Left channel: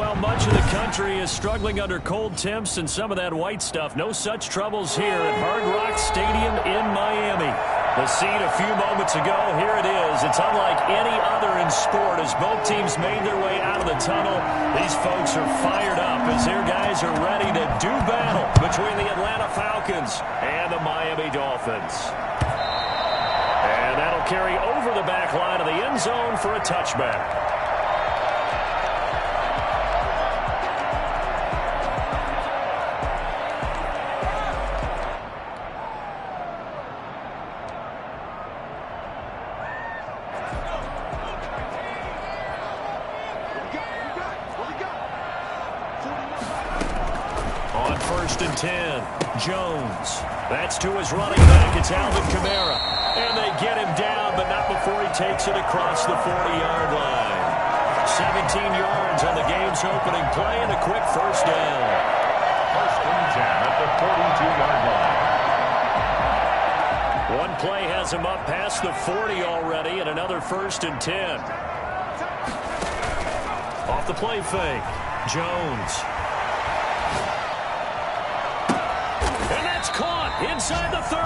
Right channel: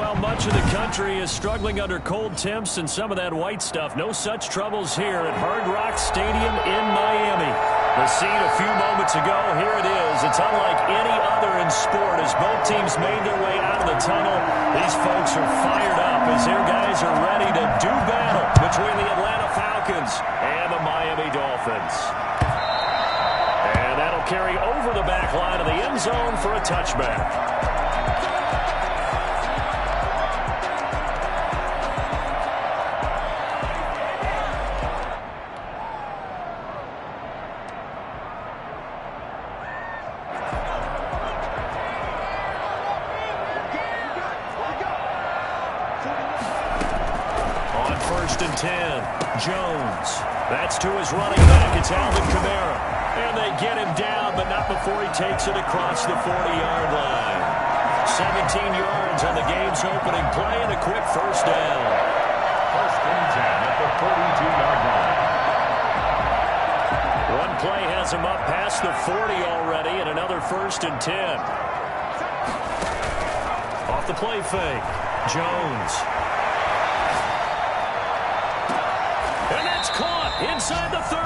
Well, much of the country is struggling under cold temps and some of that white stuff. No such troubles here at Hard Rock Stadium in Miami. The scene a few moments ago, here it is. It's unlike any other in sport as both teams made their way out of the tunnel. These folks are fired up as their guys are ready to do battle between the Atlanta Falcons and the Miami Dolphins. And that'll carry over the back line of the end zone for a touchback. On 1st and 10, Jones. That's to his running back. It's Alvin Kamara. And they get him down, but not before he takes it across the 40-yard line. 17 yards on the game's opening play and a quick first down. 1st and 10 at the 42-yard line. One play has him up past the 40 already, and another 1st and 10. Off the play fake, Jones. And that's caught inside the 30.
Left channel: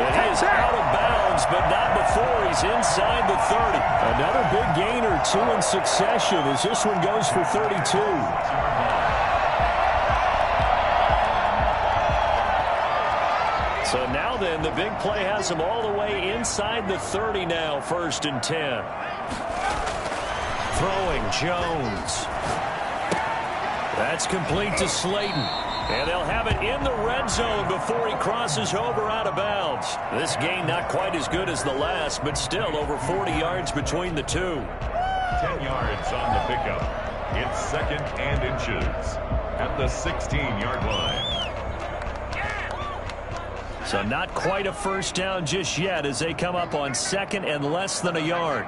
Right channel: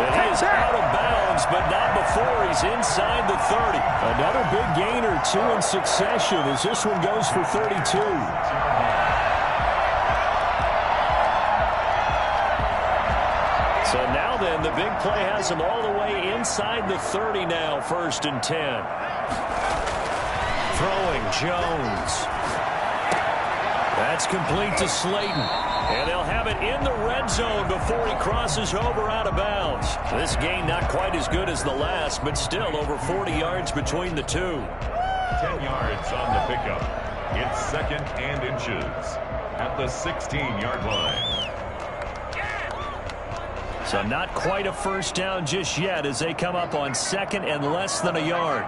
And he is out of bounds, but not before he's inside the 30. Another big gain or two in succession as this one goes for 32. So now then, the big play has him all the way inside the 30 now, 1st and 10. Throwing, Jones. That's complete to Slayton. And they'll have it in the red zone before he crosses over out of bounds. This gain not quite as good as the last, but still over 40 yards between the two. 10 yards on the pickup. It's 2nd and inches at the 16-yard line. So not quite a first down just yet as they come up on 2nd and less than a yard.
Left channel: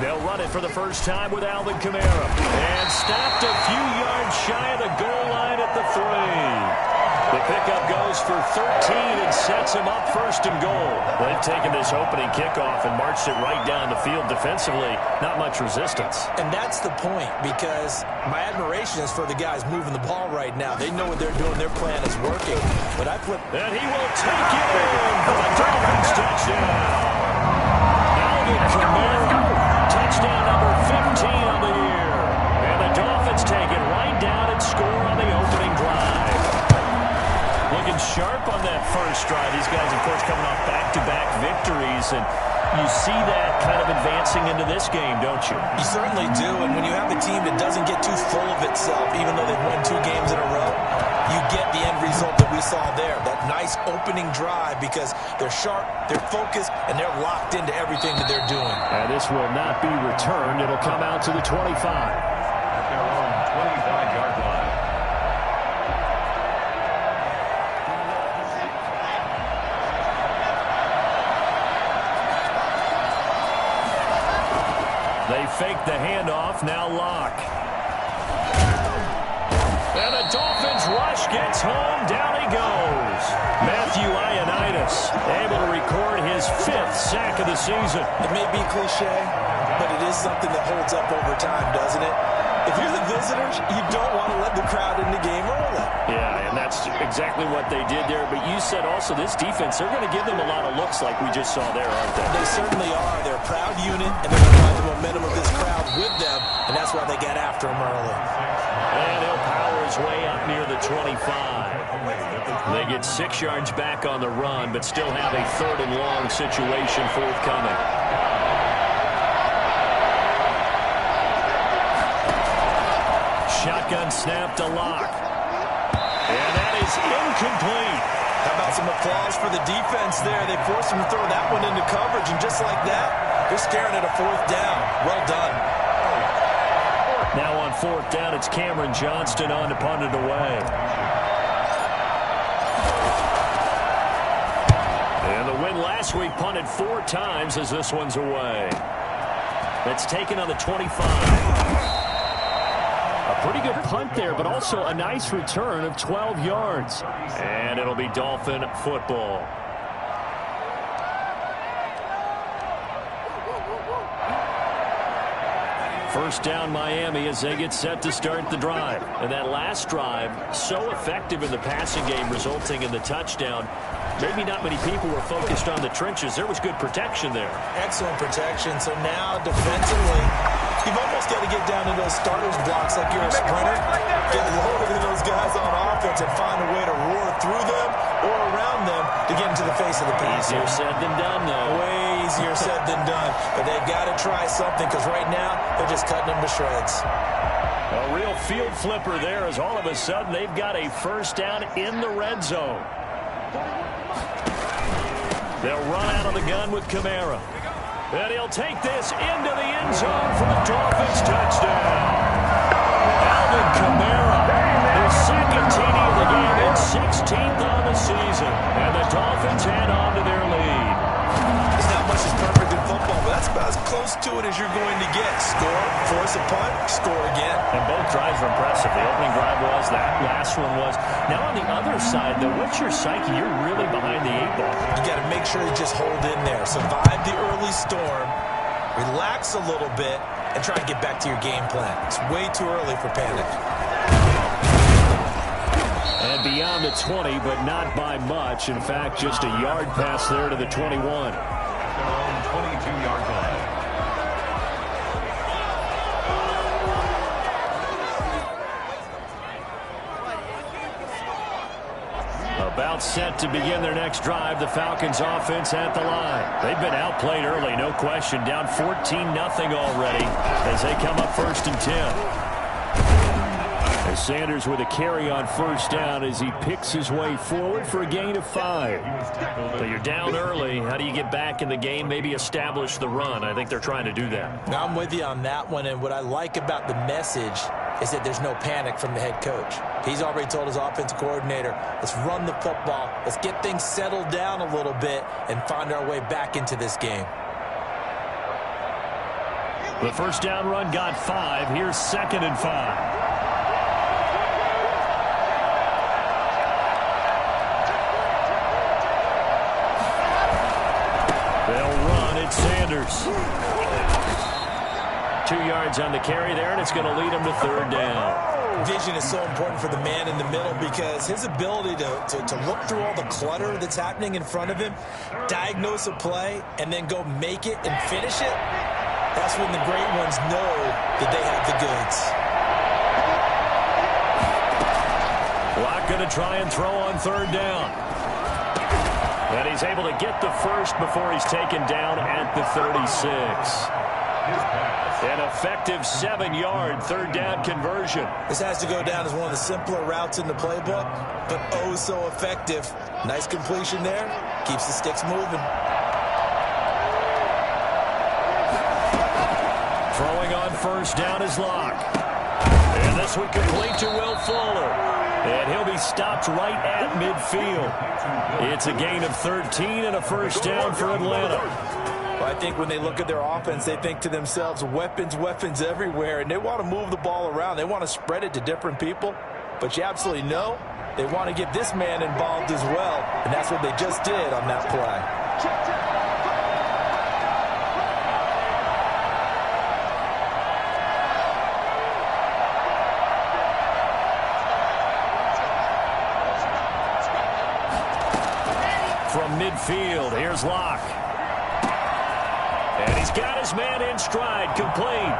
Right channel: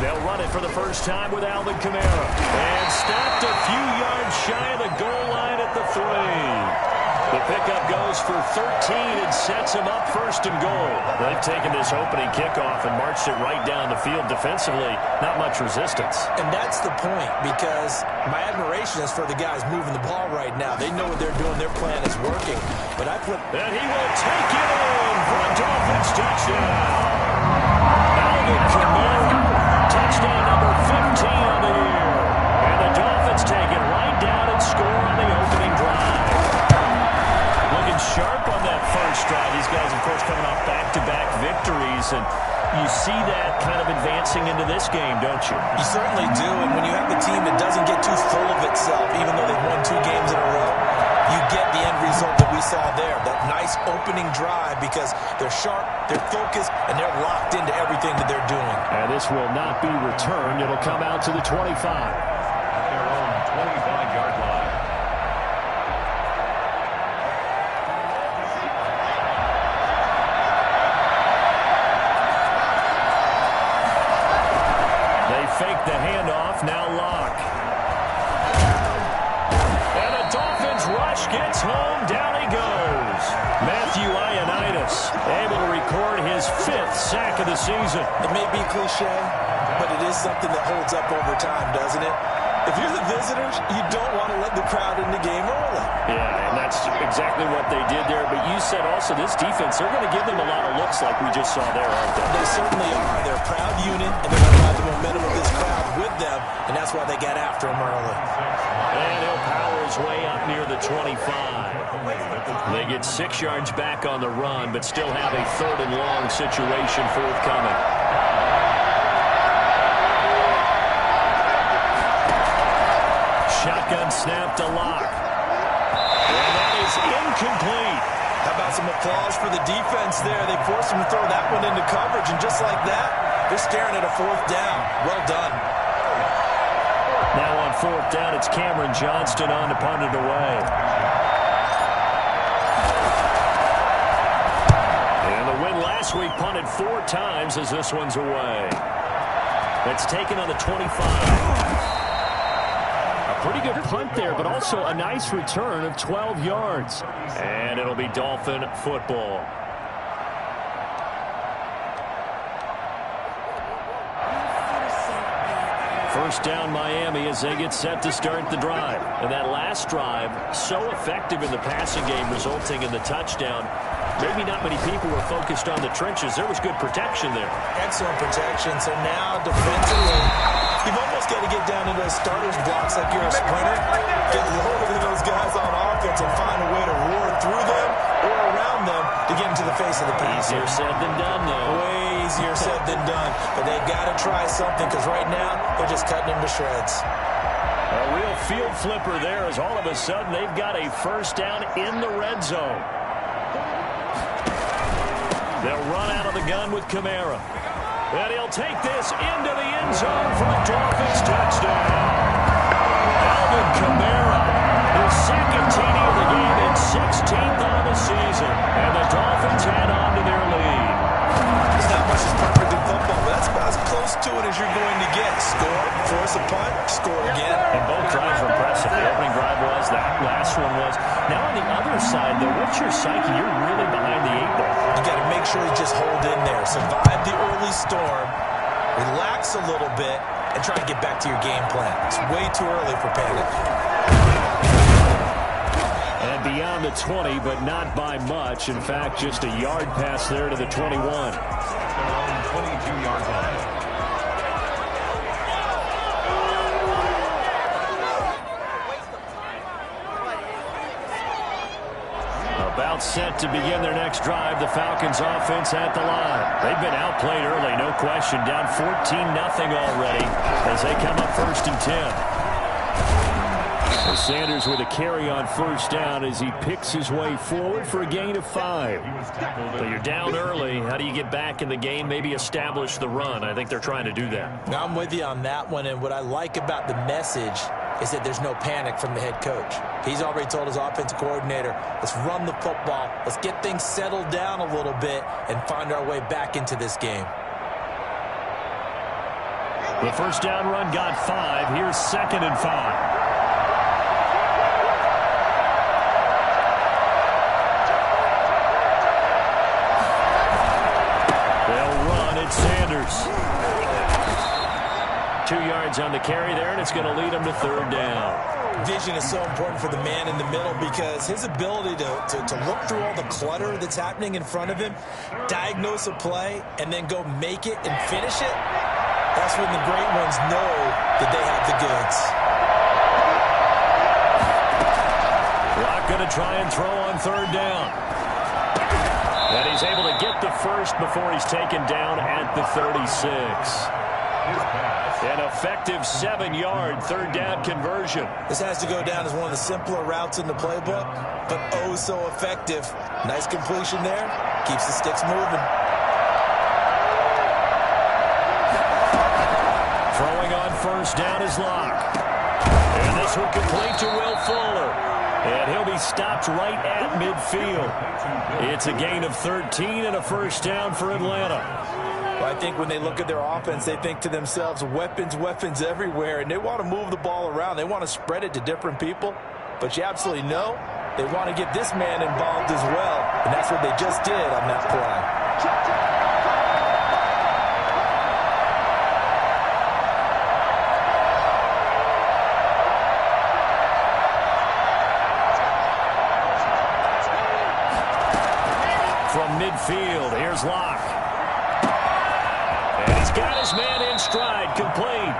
They'll run it for the first time with Alvin Kamara. And stopped a few yards shy of the goal line at the 3. The pickup goes for 13 and sets him up 1st and goal. They've taken this opening kickoff and marched it right down the field defensively. Not much resistance. And that's the point, because my admiration is for the guys moving the ball right now. They know what they're doing. Their plan is working. But and he will take it in for a Dolphins touchdown. Alvin Kamara. Touchdown number 15 on the year. And the Dolphins take it right down and score on the opening drive. Looking sharp on that first drive. These guys, of course, coming off back-to-back victories. And you see that kind of advancing into this game, don't you? You certainly do. And when you have a team that doesn't get too full of itself, even though they've won 2 games in a row, you get the end result that we saw there. That nice opening drive because they're sharp, they're focused, and they're locked into everything that they're doing. And this will not be returned. It'll come out to the 25. At their own 25-yard line. They fake the handoff, now Locke. And the Dolphins rush gets home, down he goes. Matthew Ioannidis able to record his 5th sack of the season. It may be cliche, but it is something that holds up over time, doesn't it? If you're the visitors, you don't want to let the crowd in the game early. Yeah, and that's exactly what they did there. But you said also this defense, they're going to give them a lot of looks like we just saw there, aren't they? They certainly are. They're a proud unit, and they're going to ride the momentum of this crowd with them, and that's why they get after them early. And he'll power his way up near the 25. They get 6 yards back on the run, but still have a 3rd and long situation forthcoming. Shotgun snap to Locke. And that is incomplete. How about some applause for the defense there? They forced him to throw that one into coverage, and just like that, they're staring at a 4th down. Well done. Now on 4th down, it's Cameron Johnston on to punt it away. And the win last week punted 4 times as this one's away. That's taken on the 25. A pretty good punt there, but also a nice return of 12 yards. And it'll be Dolphin football. first down Miami as they get set to start the drive. And that last drive, so effective in the passing game, resulting in the touchdown. Maybe not many people were focused on the trenches. There was good protection there. Excellent protection. So now defensively, you've almost got to get down to those starters blocks like you're a sprinter. Get lower than those guys on offense and find a way to roar through them or around them to get into the face of the pass. Easier said than done, though. Way easier said than done. But they've got to try something because right now they're just cutting them to shreds. A real field flipper there as all of a sudden they've got a first down in the red zone. They'll run out of the gun with Kamara. And he'll take this into the end zone for a Dolphins touchdown. Alvin Kamara, his second TD of the game and 16th on the season. And the Dolphins head on to their lead. It's not much is perfect in football, but that's about as close to it as you're going to get. Score, force a punt, score again. And both drives were impressive. The opening drive was, that last one was. Now on the other side, though, what's your psyche? You're really behind the 8 ball. You got to make sure you just hold in there. Survive the early storm, relax a little bit, and try to get back to your game plan. It's way too early for panic. And beyond the 20, but not by much. In fact, just a yard pass there to the 21. Their own 22-yard line. About set to begin their next drive, the Falcons offense at the line. They've been outplayed early, no question. Down 14-0 already as they come up 1st and 10. And Sanders with a carry on first down as he picks his way forward for a gain of 5. But you're down early. How do you get back in the game? Maybe establish the run. I think they're trying to do that. Now, I'm with you on that one, and what I like about the message is that there's no panic from the head coach. He's already told his offensive coordinator, let's run the football, let's get things settled down a little bit and find our way back into this game. The first down run got 5. Here's 2nd and 5. They'll run. It's Sanders. 2 yards on the carry there, and it's going to lead him to 3rd down. Vision is so important for the man in the middle because his ability to look through all the clutter that's happening in front of him, diagnose a play, and then go make it and finish it, that's when the great ones know that they have the goods. Locke going to try and throw on 3rd down. And he's able to get the first before he's taken down at the 36. An effective 7-yard 3rd down conversion. This has to go down as one of the simpler routes in the playbook, but oh so effective. Nice completion there. Keeps the sticks moving. Throwing on first down is Locke. And this one complete to Will Fuller. And he'll be stopped right at midfield. It's a gain of 13 and a first down for Atlanta. Well, I think when they look at their offense, they think to themselves, weapons, weapons everywhere, and they want to move the ball around. They want to spread it to different people, but you absolutely know they want to get this man involved as well, and that's what they just did on that play. From midfield, here's Locke. And he's got his man in stride, complete.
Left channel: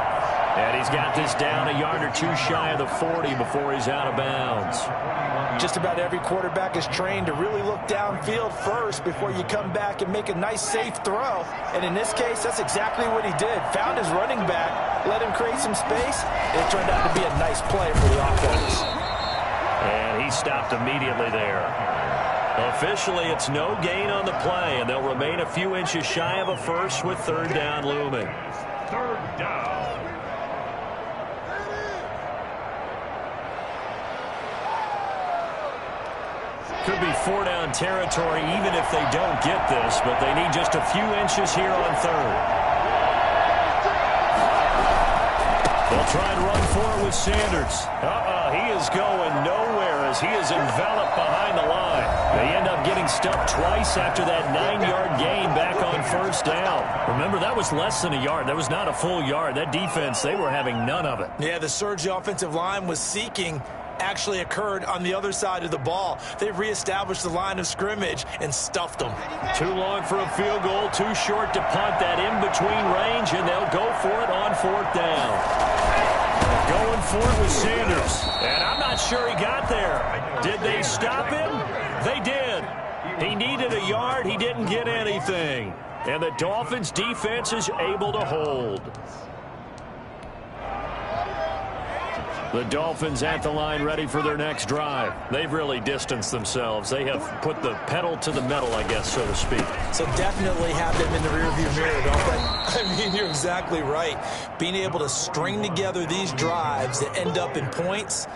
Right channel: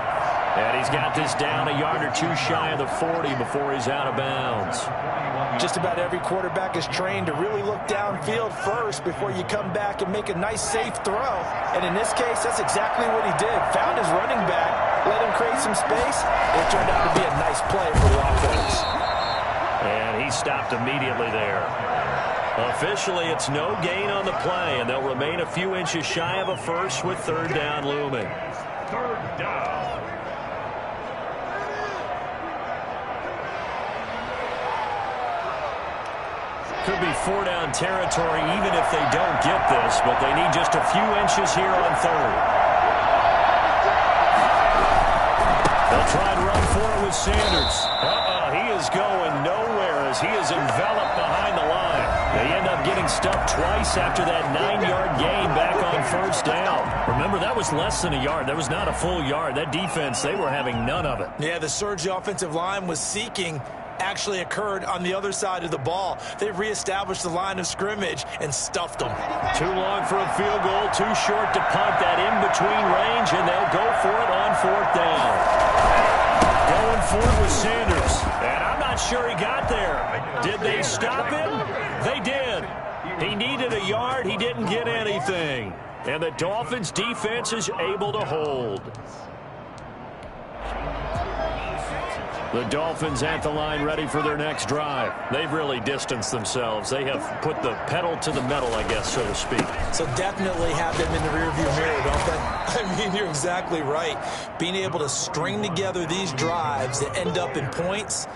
And he's got this down a yard or 2 shy of the 40 before he's out of bounds. Just about every quarterback is trained to really look downfield first before you come back and make a nice, safe throw. And in this case, that's exactly what he did. Found his running back, let him create some space, and it turned out to be a nice play for the offense. And he stopped immediately there. Officially, it's no gain on the play, and they'll remain a few inches shy of a first with 3rd down looming. 3rd down. Could be 4-down territory even if they don't get this, but they need just a few inches here on 3rd. They'll try and run for it with Sanders. He is going nowhere as he is enveloped behind the line. They end up getting stuffed twice after that 9-yard gain back on first down. Remember, that was less than a yard. That was not a full yard. That defense, they were having none of it. Yeah, the surge the offensive line was seeking actually occurred on the other side of the ball. They reestablished the line of scrimmage and stuffed them. Too long for a field goal, too short to punt. That in-between range, and they'll go for it on fourth down. Going for it with Sanders. And I'm not sure he got there. Did they stop him? They did. He needed a yard. He didn't get anything. And the Dolphins' defense is able to hold. The Dolphins at the line ready for their next drive. They've really distanced themselves. They have put the pedal to the metal, I guess, so to speak. So definitely have them in the rearview mirror, don't they? I mean, you're exactly right. Being able to string together these drives that end up in points,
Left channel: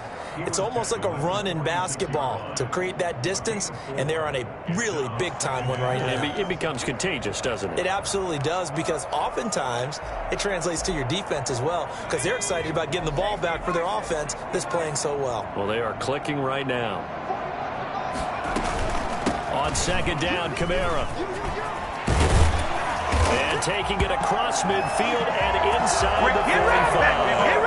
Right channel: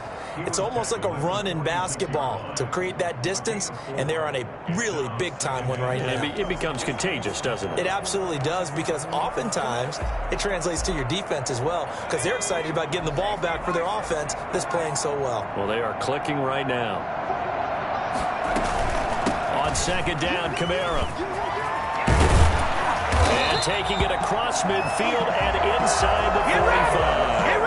it's almost like a run in basketball to create that distance, and they're on a really big-time one right now. It becomes contagious, doesn't it? It absolutely does, because oftentimes it translates to your defense as well, because they're excited about getting the ball back for their offense that's playing so well. Well, they are clicking right now. On second down, Kamara. And taking it across midfield and inside the 45.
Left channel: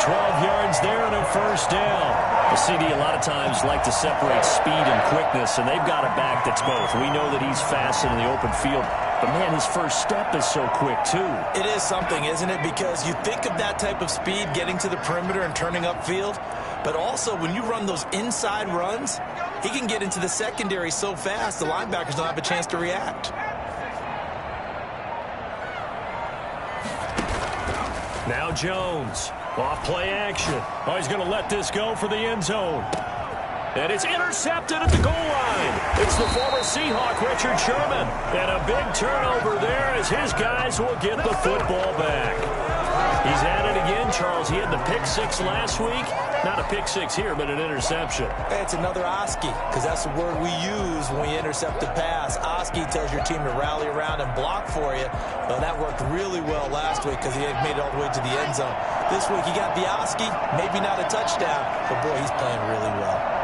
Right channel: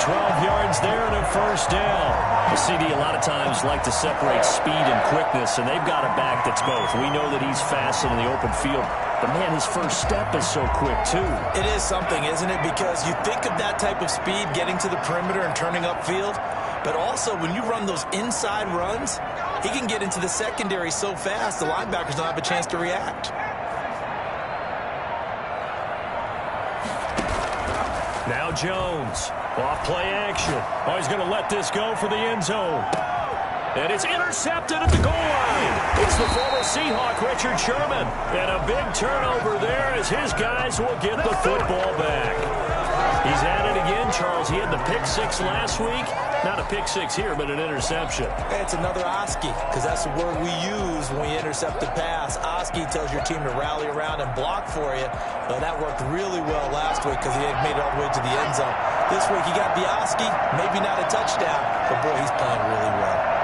12 yards there and a first down. The CD a lot of times like to separate speed and quickness, and they've got a back that's both. We know that he's fast in the open field, but, man, his first step is so quick, too. It is something, isn't it? Because you think of that type of speed getting to the perimeter and turning upfield, but also when you run those inside runs, he can get into the secondary so fast the linebackers don't have a chance to react. Now Jones. Off play action. Oh, he's going to let this go for the end zone. And it's intercepted at the goal line. It's the former Seahawk, Richard Sherman. And a big turnover there as his guys will get the football back. He's at it again, Charles. He had the pick six last week. Not a pick six here, but an interception. It's another Oski, because that's the word we use when we intercept the pass. Oski tells your team to rally around and block for you. Well, that worked really well last week because he had made it all the way to the end zone. This week he got the Oski, maybe not a touchdown, but boy, he's playing really well.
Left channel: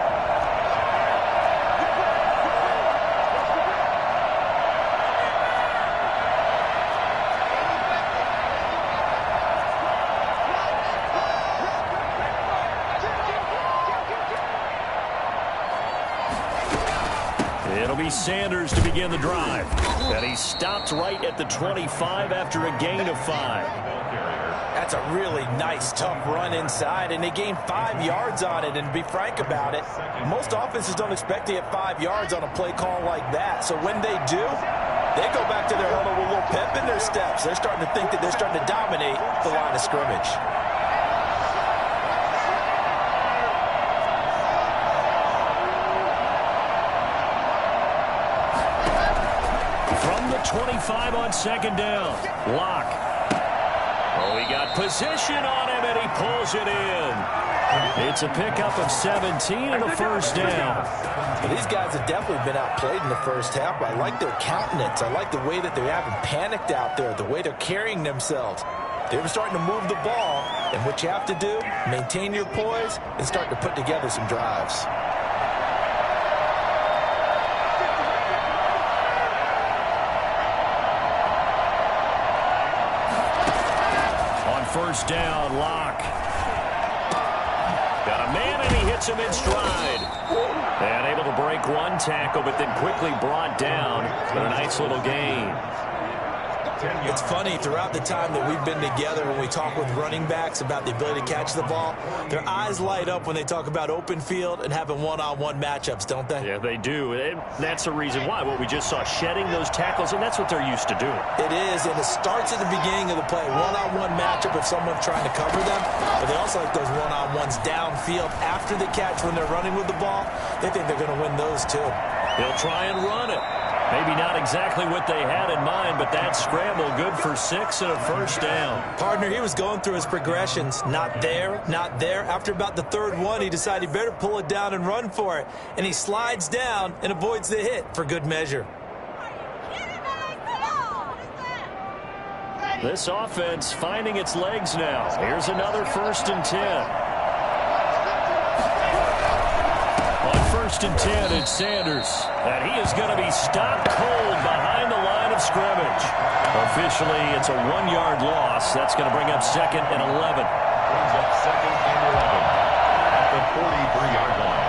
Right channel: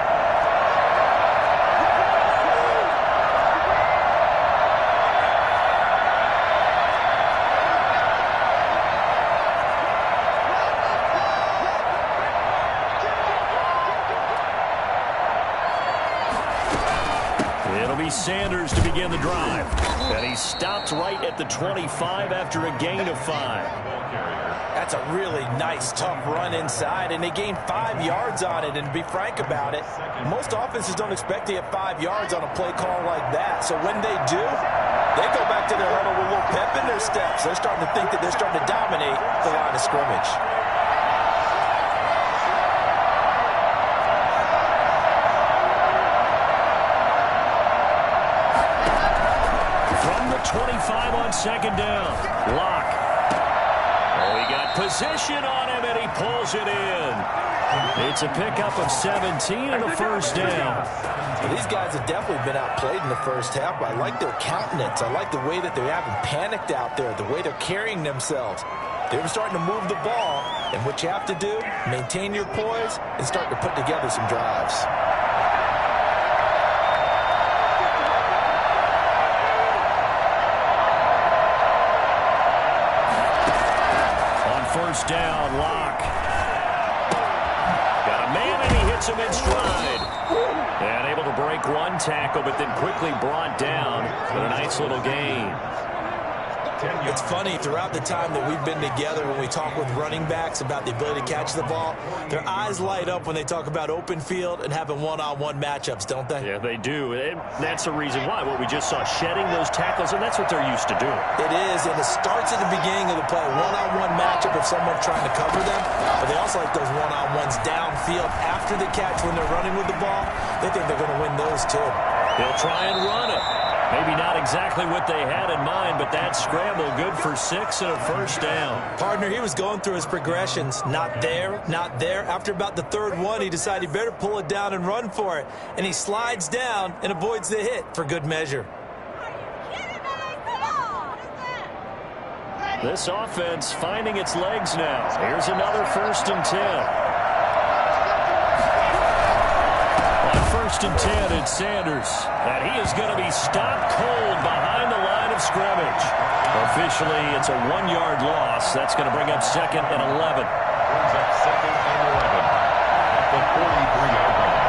It'll be Sanders to begin the drive. And he stopped right at the 25 after a gain of 5. That's a really nice, tough run inside, and they gained 5 yards on it. And to be frank about it, most offenses don't expect to get 5 yards on a play call like that. So when they do, they go back to their huddle with a little pep in their steps. They're starting to think that they're starting to dominate the line of scrimmage. From the 25 on second down, Locke. Oh, he got position on him, and he pulls it in. It's a pickup of 17 and a first down. Well, these guys have definitely been outplayed in the first half. I like their countenance. I like the way that they haven't panicked out there, the way they're carrying themselves. They were starting to move the ball, and what you have to do, maintain your poise and start to put together some drives. First down, Locke. Got a man, and he hits him in stride. And able to break one tackle, but then quickly brought down with a nice little gain. It's funny, throughout the time that we've been together, when we talk with running backs about the ability to catch the ball, their eyes light up when they talk about open field and having one-on-one matchups, don't they? Yeah, they do. And that's the reason why. What we just saw, shedding those tackles, and that's what they're used to doing. It is, and it starts at the beginning of the play. One-on-one matchup if someone's trying to cover them, but they also like those one-on-ones downfield after the catch when they're running with the ball. They think they're going to win those too. They'll try and run it. Maybe not exactly what they had in mind, but that scramble good for 6 and a first down. Partner, he was going through his progressions. Not there, not there. After about the third one, he decided he better pull it down and run for it. And he slides down and avoids the hit for good measure. This offense finding its legs now. Here's another 1st and 10. On 1st and 10, it's Sanders. And he is going to be stopped cold behind the line of scrimmage. Officially, it's a 1-yard loss. That's going to bring up 2nd and 11. Brings up 2nd and 11 at the 43-yard line.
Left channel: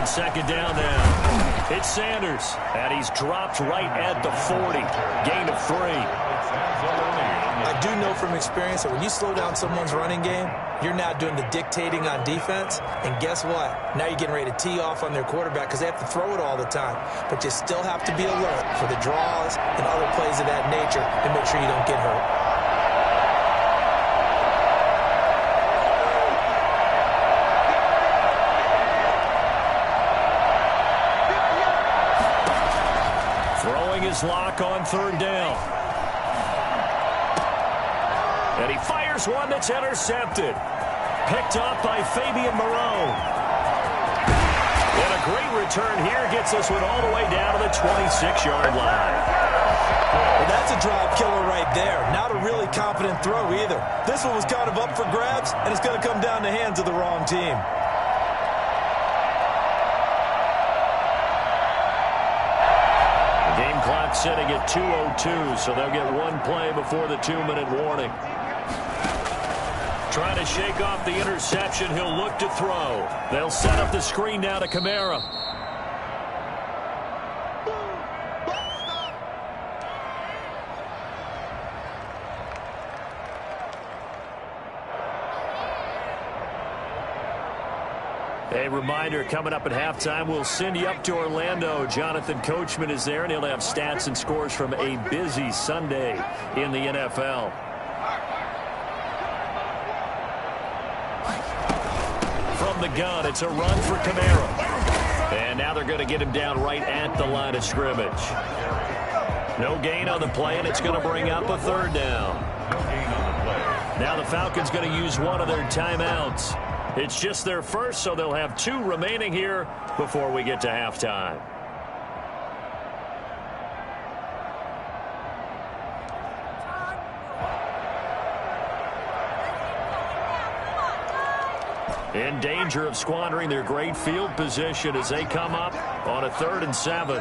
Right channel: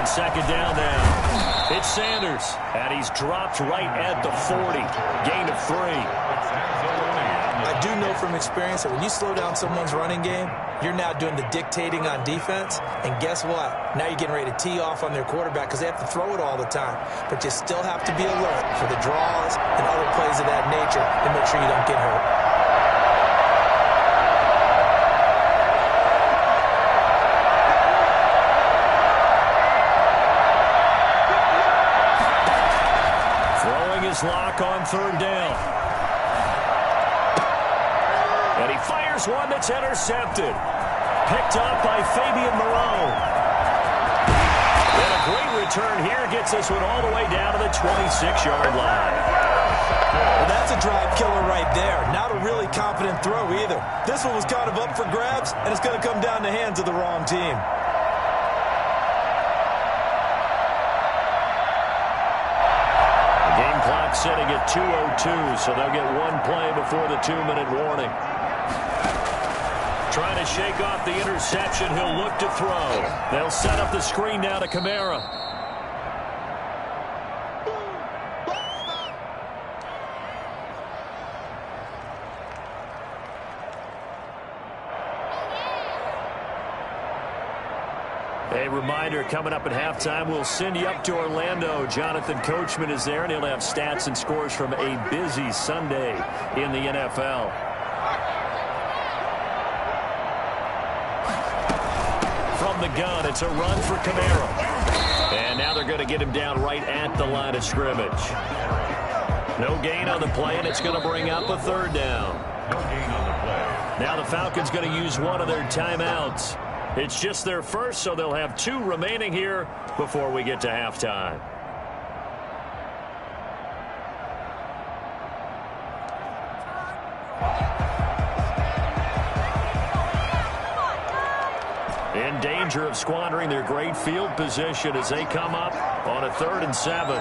On 2nd down now, it's Sanders, and he's dropped right at the 40. Gain of 3. I do know from experience that when you slow down someone's running game, you're now doing the dictating on defense, and guess what? Now you're getting ready to tee off on their quarterback because they have to throw it all the time. But you still have to be alert for the draws and other plays of that nature to make sure you don't get hurt. His lock on 3rd down. And he fires one that's intercepted. Picked up by Fabian Moreau. And a great return here gets this one all the way down to the 26-yard line. Well, that's a drive killer right there. Not a really confident throw either. This one was kind of up for grabs, and it's going to come down in the hands of the wrong team. Game clock sitting at 2:02, so they'll get one play before the 2-minute warning. Trying to shake off the interception, he'll look to throw. They'll set up the screen now to Kamara. A reminder, coming up at halftime, we'll send you up to Orlando. Jonathan Coachman is there, and he'll have stats and scores from a busy Sunday in the NFL. From the gun, it's a run for Kamara. And now they're going to get him down right at the line of scrimmage. No gain on the play, and it's going to bring up a 3rd down. No gain on the play. Now the Falcons going to use one of their timeouts. It's just their first, so they'll have 2 remaining here before we get to halftime. In danger of squandering their great field position as they come up on a 3rd and 7.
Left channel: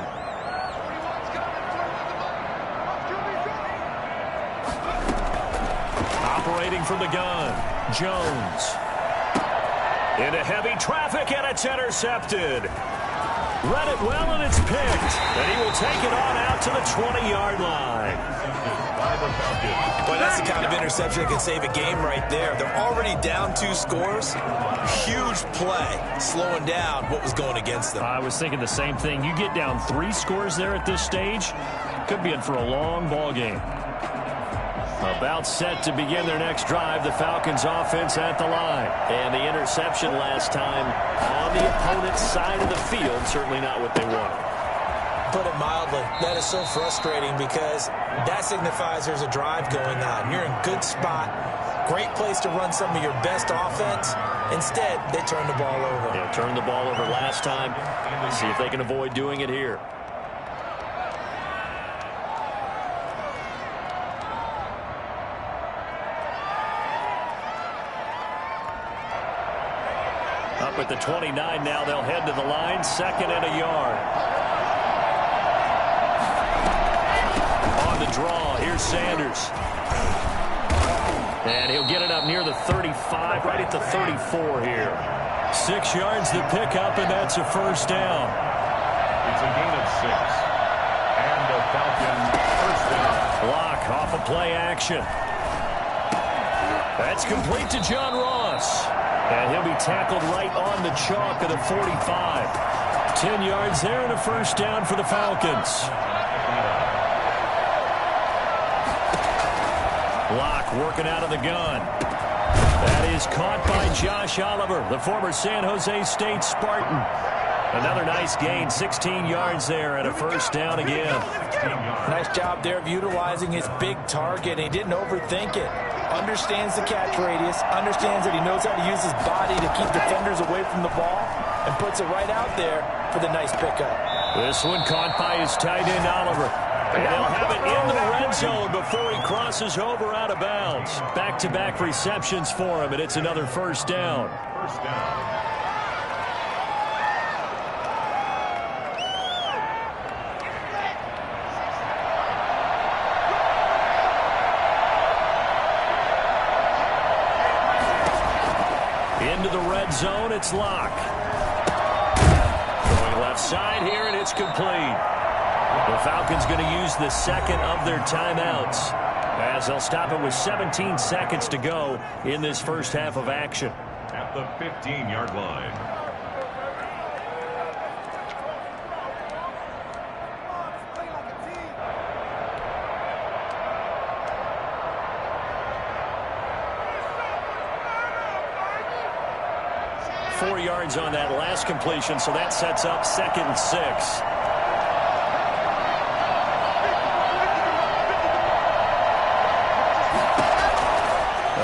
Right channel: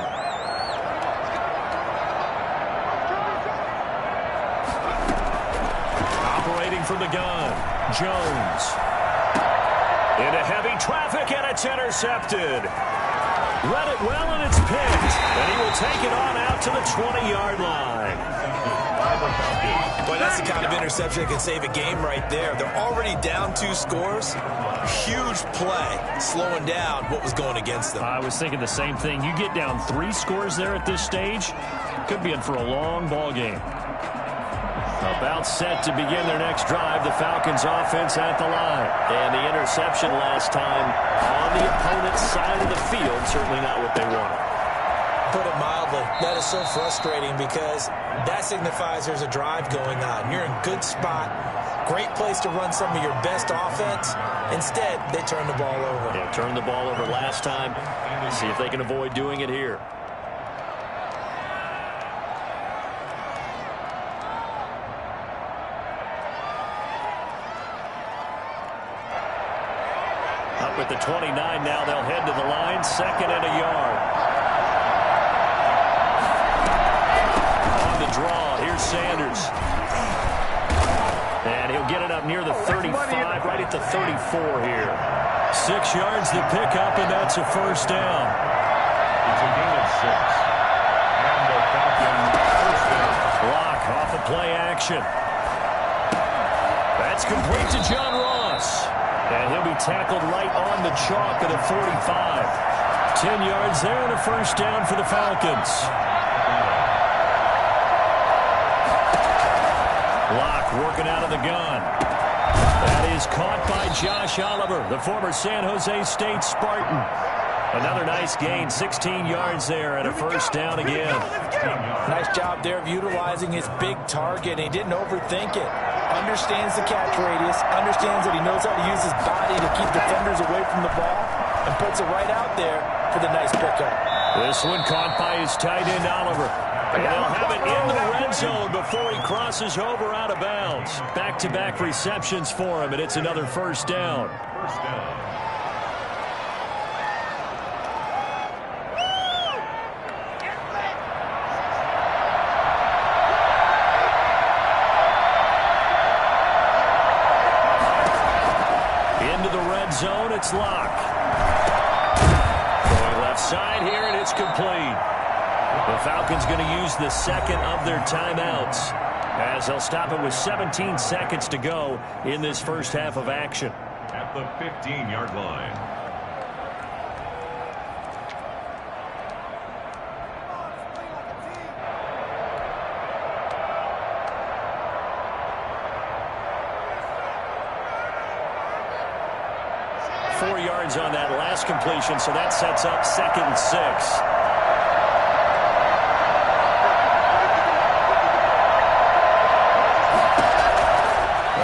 Operating from the gun, Jones. Into heavy traffic, and it's intercepted. Read it well, and it's picked. And he will take it on out to the 20-yard line. Boy, that's the kind of interception that can save a game right there. They're already down 2 scores. Huge play, slowing down what was going against them. I was thinking the same thing. You get down 3 scores there at this stage, could be in for a long ball game. About set to begin their next drive, the Falcons offense at the line. And the interception last time on the opponent's side of the field, certainly not what they wanted. Put it mildly, that is so frustrating because that signifies there's a drive going on. You're in a good spot, great place to run some of your best offense. Instead, they turn the ball over. Yeah, turned the ball over last time. See if they can avoid doing it here. Up at the 29 now, they'll head to the line, 2nd and a yard. On the draw, here's Sanders. And he'll get it up near the 35, right at the 34 here. 6 yards to pick up, and that's a 1st down. It's a gain of 6. And the Falcons' 1st down. Block off of play action. That's complete to John Ross. And he'll be tackled right on the chalk of the 45. 10 yards there and a 1st down for the Falcons. Block working out of the gun. That is caught by Josh Oliver, the former San Jose State Spartan. Another nice gain, 16 yards there and a 1st down again. Nice job there of utilizing his big target. He didn't overthink it. Understands the catch radius, understands that he knows how to use his body to keep defenders away from the ball, and puts it right out there for the nice pickup. This one caught by his tight end, Oliver. And they'll have it in the red zone before he crosses over out of bounds. Back-to-back receptions for him, and it's another first down. First down. Into the red zone, it's Locke. Going left side here, and it's complete. The Falcons going to use the second of their timeouts as they'll stop it with 17 seconds to go in this first half of action. At the 15-yard line. Yards on that last completion, so that sets up 2nd and 6.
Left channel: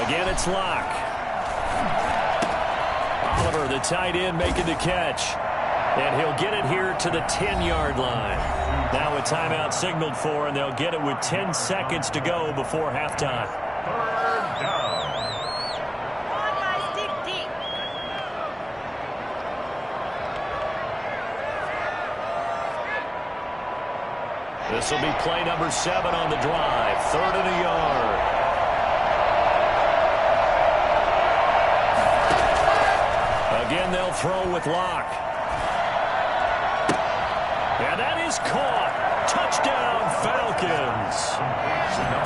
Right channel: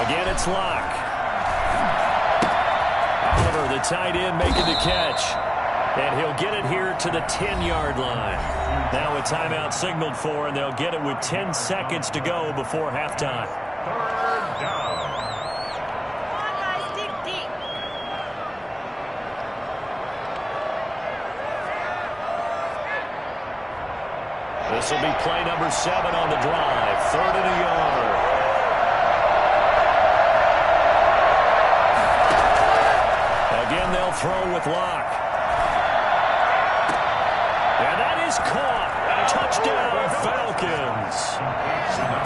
Again, it's Locke. Oliver, the tight end, making the catch. And he'll get it here to the 10-yard line. Now a timeout signaled for, and they'll get it with 10 seconds to go before halftime. 3rd down. This will be play number 7 on the drive. 3rd and a yard. Again, they'll throw with Locke. And that is caught. Touchdown, Falcons.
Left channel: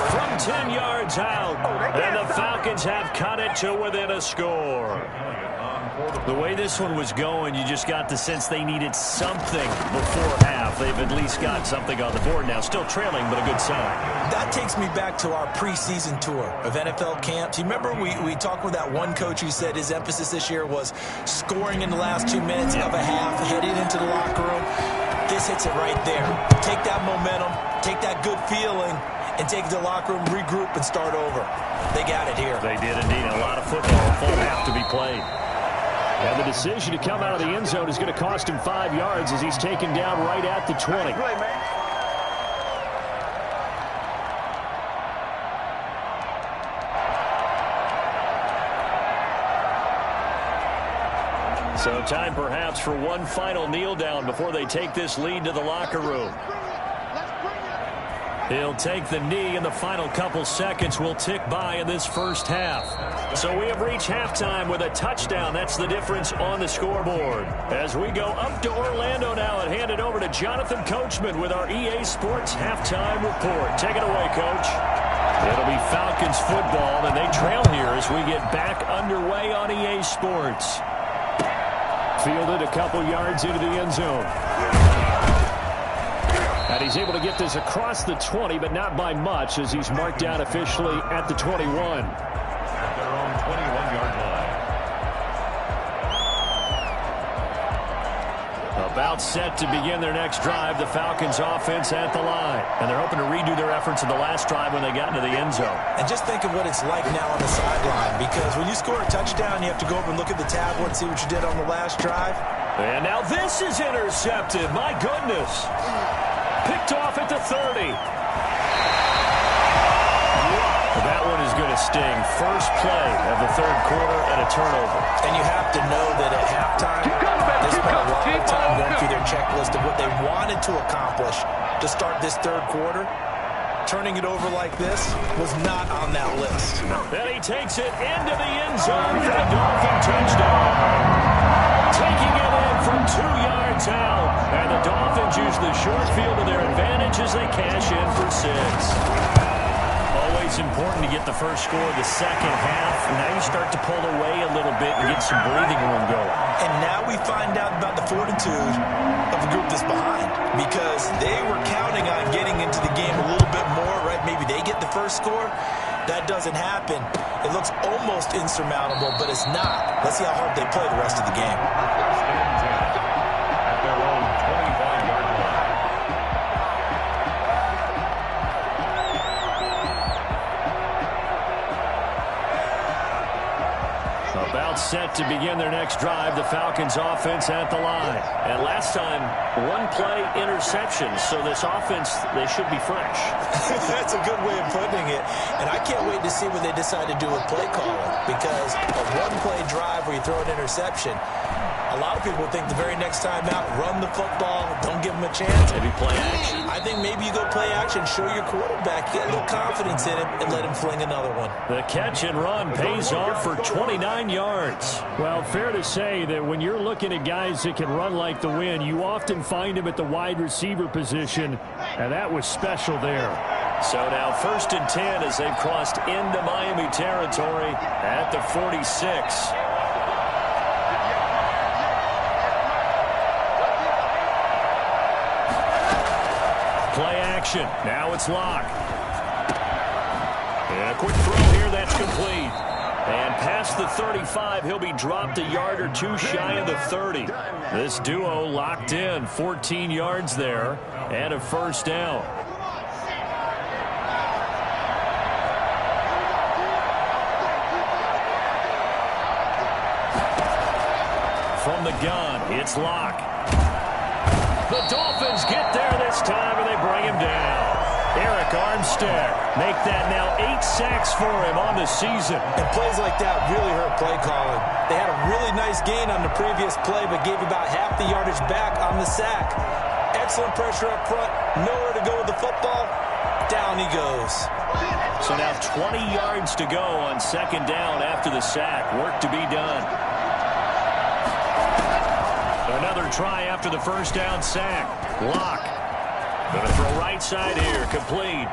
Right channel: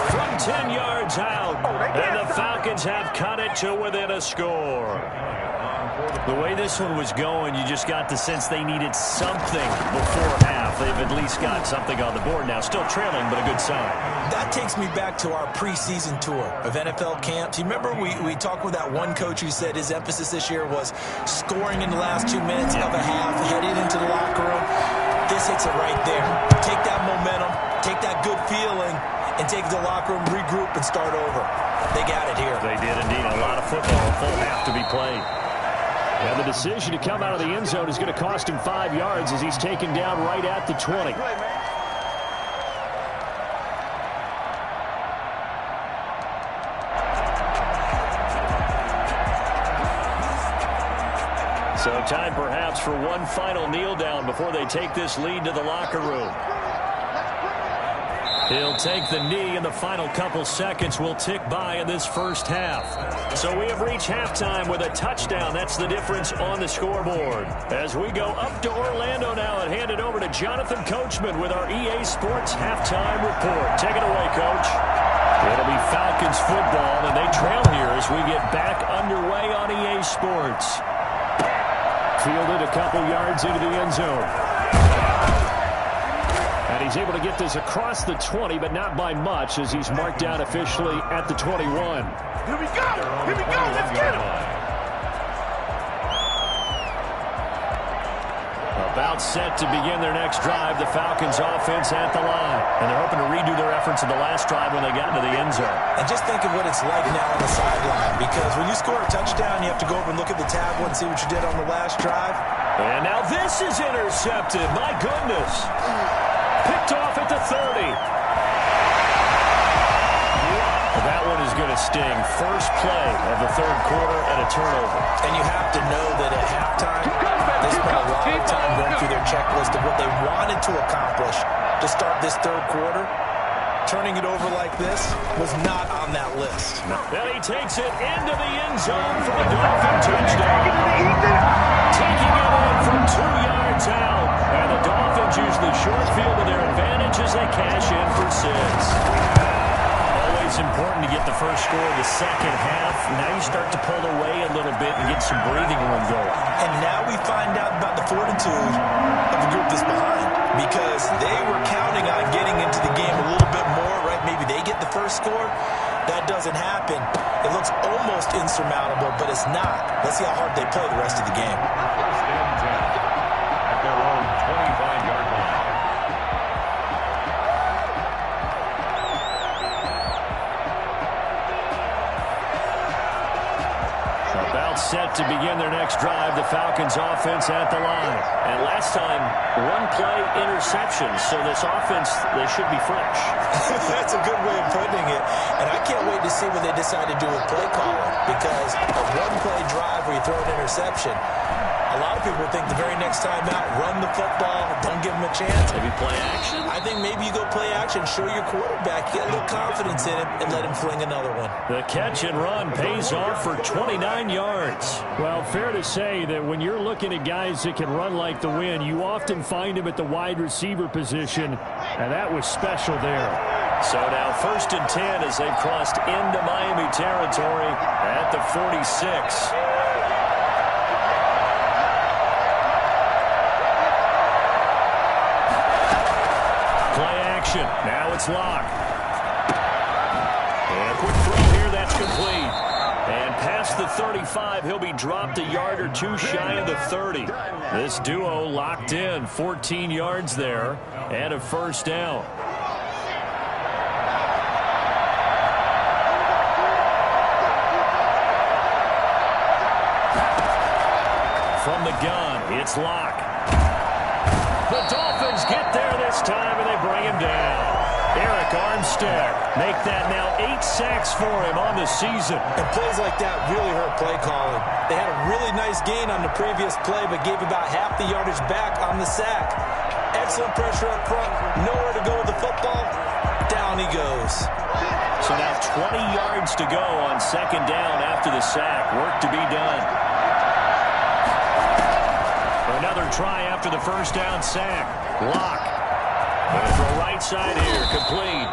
From 10 yards out. And the Falcons have cut it to within a score. The way this one was going, you just got the sense they needed something before half. They've at least got something on the board now. Still trailing, but a good sign. That takes me back to our preseason tour of NFL camps. You remember we talked with that one coach who said his emphasis this year was scoring in the last 2 minutes of a half, heading into the locker room. This hits it right there. Take that momentum, take that good feeling, and take it to the locker room, regroup, and start over. They got it here. They did indeed. A lot of football, full half to be played. And the decision to come out of the end zone is going to cost him 5 yards as he's taken down right at the 20. So time perhaps for one final kneel down before they take this lead to the locker room. He'll take the knee, and the final couple seconds will tick by in this first half. So we have reached halftime with a touchdown. That's the difference on the scoreboard. As we go up to Orlando now and hand it over to Jonathan Coachman with our EA Sports halftime report. Take it away, Coach. It'll be Falcons football, and they trail here as we get back underway on EA Sports. Fielded a couple yards into the end zone. And he's able to get this across the 20, but not by much, as he's marked down officially at the 21. Their own 21-yard line. About set to begin their next drive, the Falcons offense at the line. And they're hoping to redo their efforts in the last drive when they got into the end zone. And just think of what it's like now on the sideline, because when you score a touchdown, you have to go over and look at the tablet and see what you did on the last drive. And now this is intercepted. My goodness. Picked off at the 30. That one is going to sting. First play of the third quarter and a turnover. And you have to know that at halftime, they spent a lot of time going through their checklist of what they wanted to accomplish to start this third quarter. Turning it over like this was not on that list. And he takes it into the end zone for a Dolphin touchdown. Taking it in from 2 yards out. And the Dolphins use the short field to their advantage as they cash in for 6. Always important to get the first score of the second half. Now you start to pull away a little bit and get some breathing room going. And now we find out about the fortitude of the group that's behind, because they were counting on getting into the game a little bit more, right? Maybe they get the first score. That doesn't happen. It looks almost insurmountable, but it's not. Let's see how hard they play the rest of the game. First and 10 at their own 25-yard line. About set to begin their next drive. The Falcons offense at the line. And last time, one-play interception. So this offense, they should be fresh. That's a good way of putting it. And I can't wait to see what they decide to do with play calling. Because a one-play drive where you throw an interception, a lot of people think the very next time out, run the football, don't give them a chance. Maybe play action. I think maybe you go play action, show your quarterback, get a little confidence in him, and let him fling another one. The catch and run pays off for 29 yards. Well, fair to say that when you're looking at guys that can run like the wind, you often find them at the wide receiver position, and that was special there. So now 1st and 10 as they've crossed into Miami territory at the 46. Play action. Now it's Locke. And a quick throw here. That's complete. And past the 35, he'll be dropped a yard or two shy of the 30. This duo locked in. 14 yards there and a first down. From the gun, it's Locke. The Dolphins get there this time, and they bring him down. Eric Armstead make that now 8 sacks for him on the season. And plays like that really hurt play calling. They had a really nice gain on the previous play, but gave about half the yardage back on the sack. Excellent pressure up front, nowhere to go with the football. Down he goes. So now 20 yards to go on 2nd down after the sack. Work to be done. Another try after the first down sack. Locke. Going to throw right side here. Complete.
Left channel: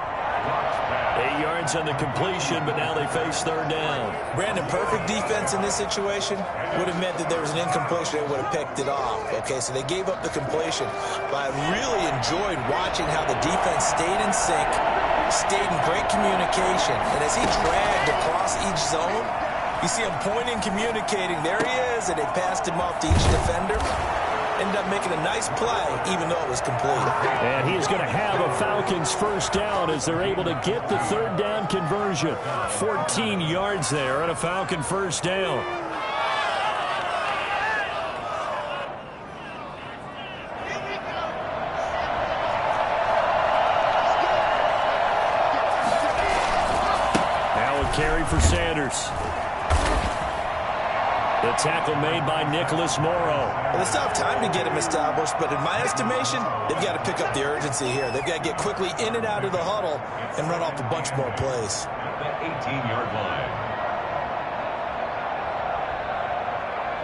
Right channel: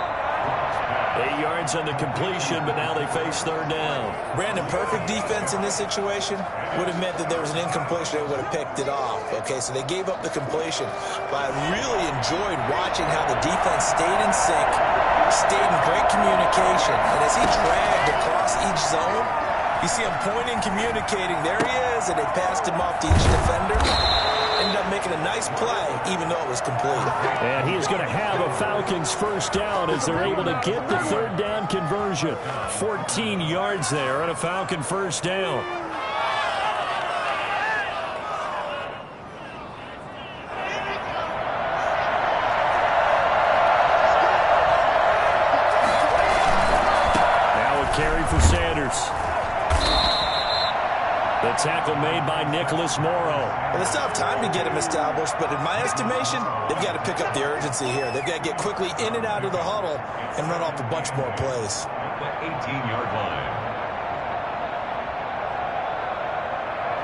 8 yards on the completion, but now they face 3rd down. Brandon, perfect defense in this situation would have meant that there was an incompletion. They would have picked it off. Okay, so they gave up the completion. But I really enjoyed watching how the defense stayed in sync, stayed in great communication. And as he dragged across each zone, you see him pointing, communicating. There he is, and they passed him off to each defender. Ended up making a nice play, even though it was complete. And he's going to have a Falcons first down as they're able to get the 3rd down conversion. 14 yards there on a Falcon first down. Now a carry for Sanders. The tackle made by Nicholas Morrow. Well, it's not time to get him established, but in my estimation, they've got to pick up the urgency here. They've got to get quickly in and out of the huddle and run off a bunch more plays. At the 18-yard line.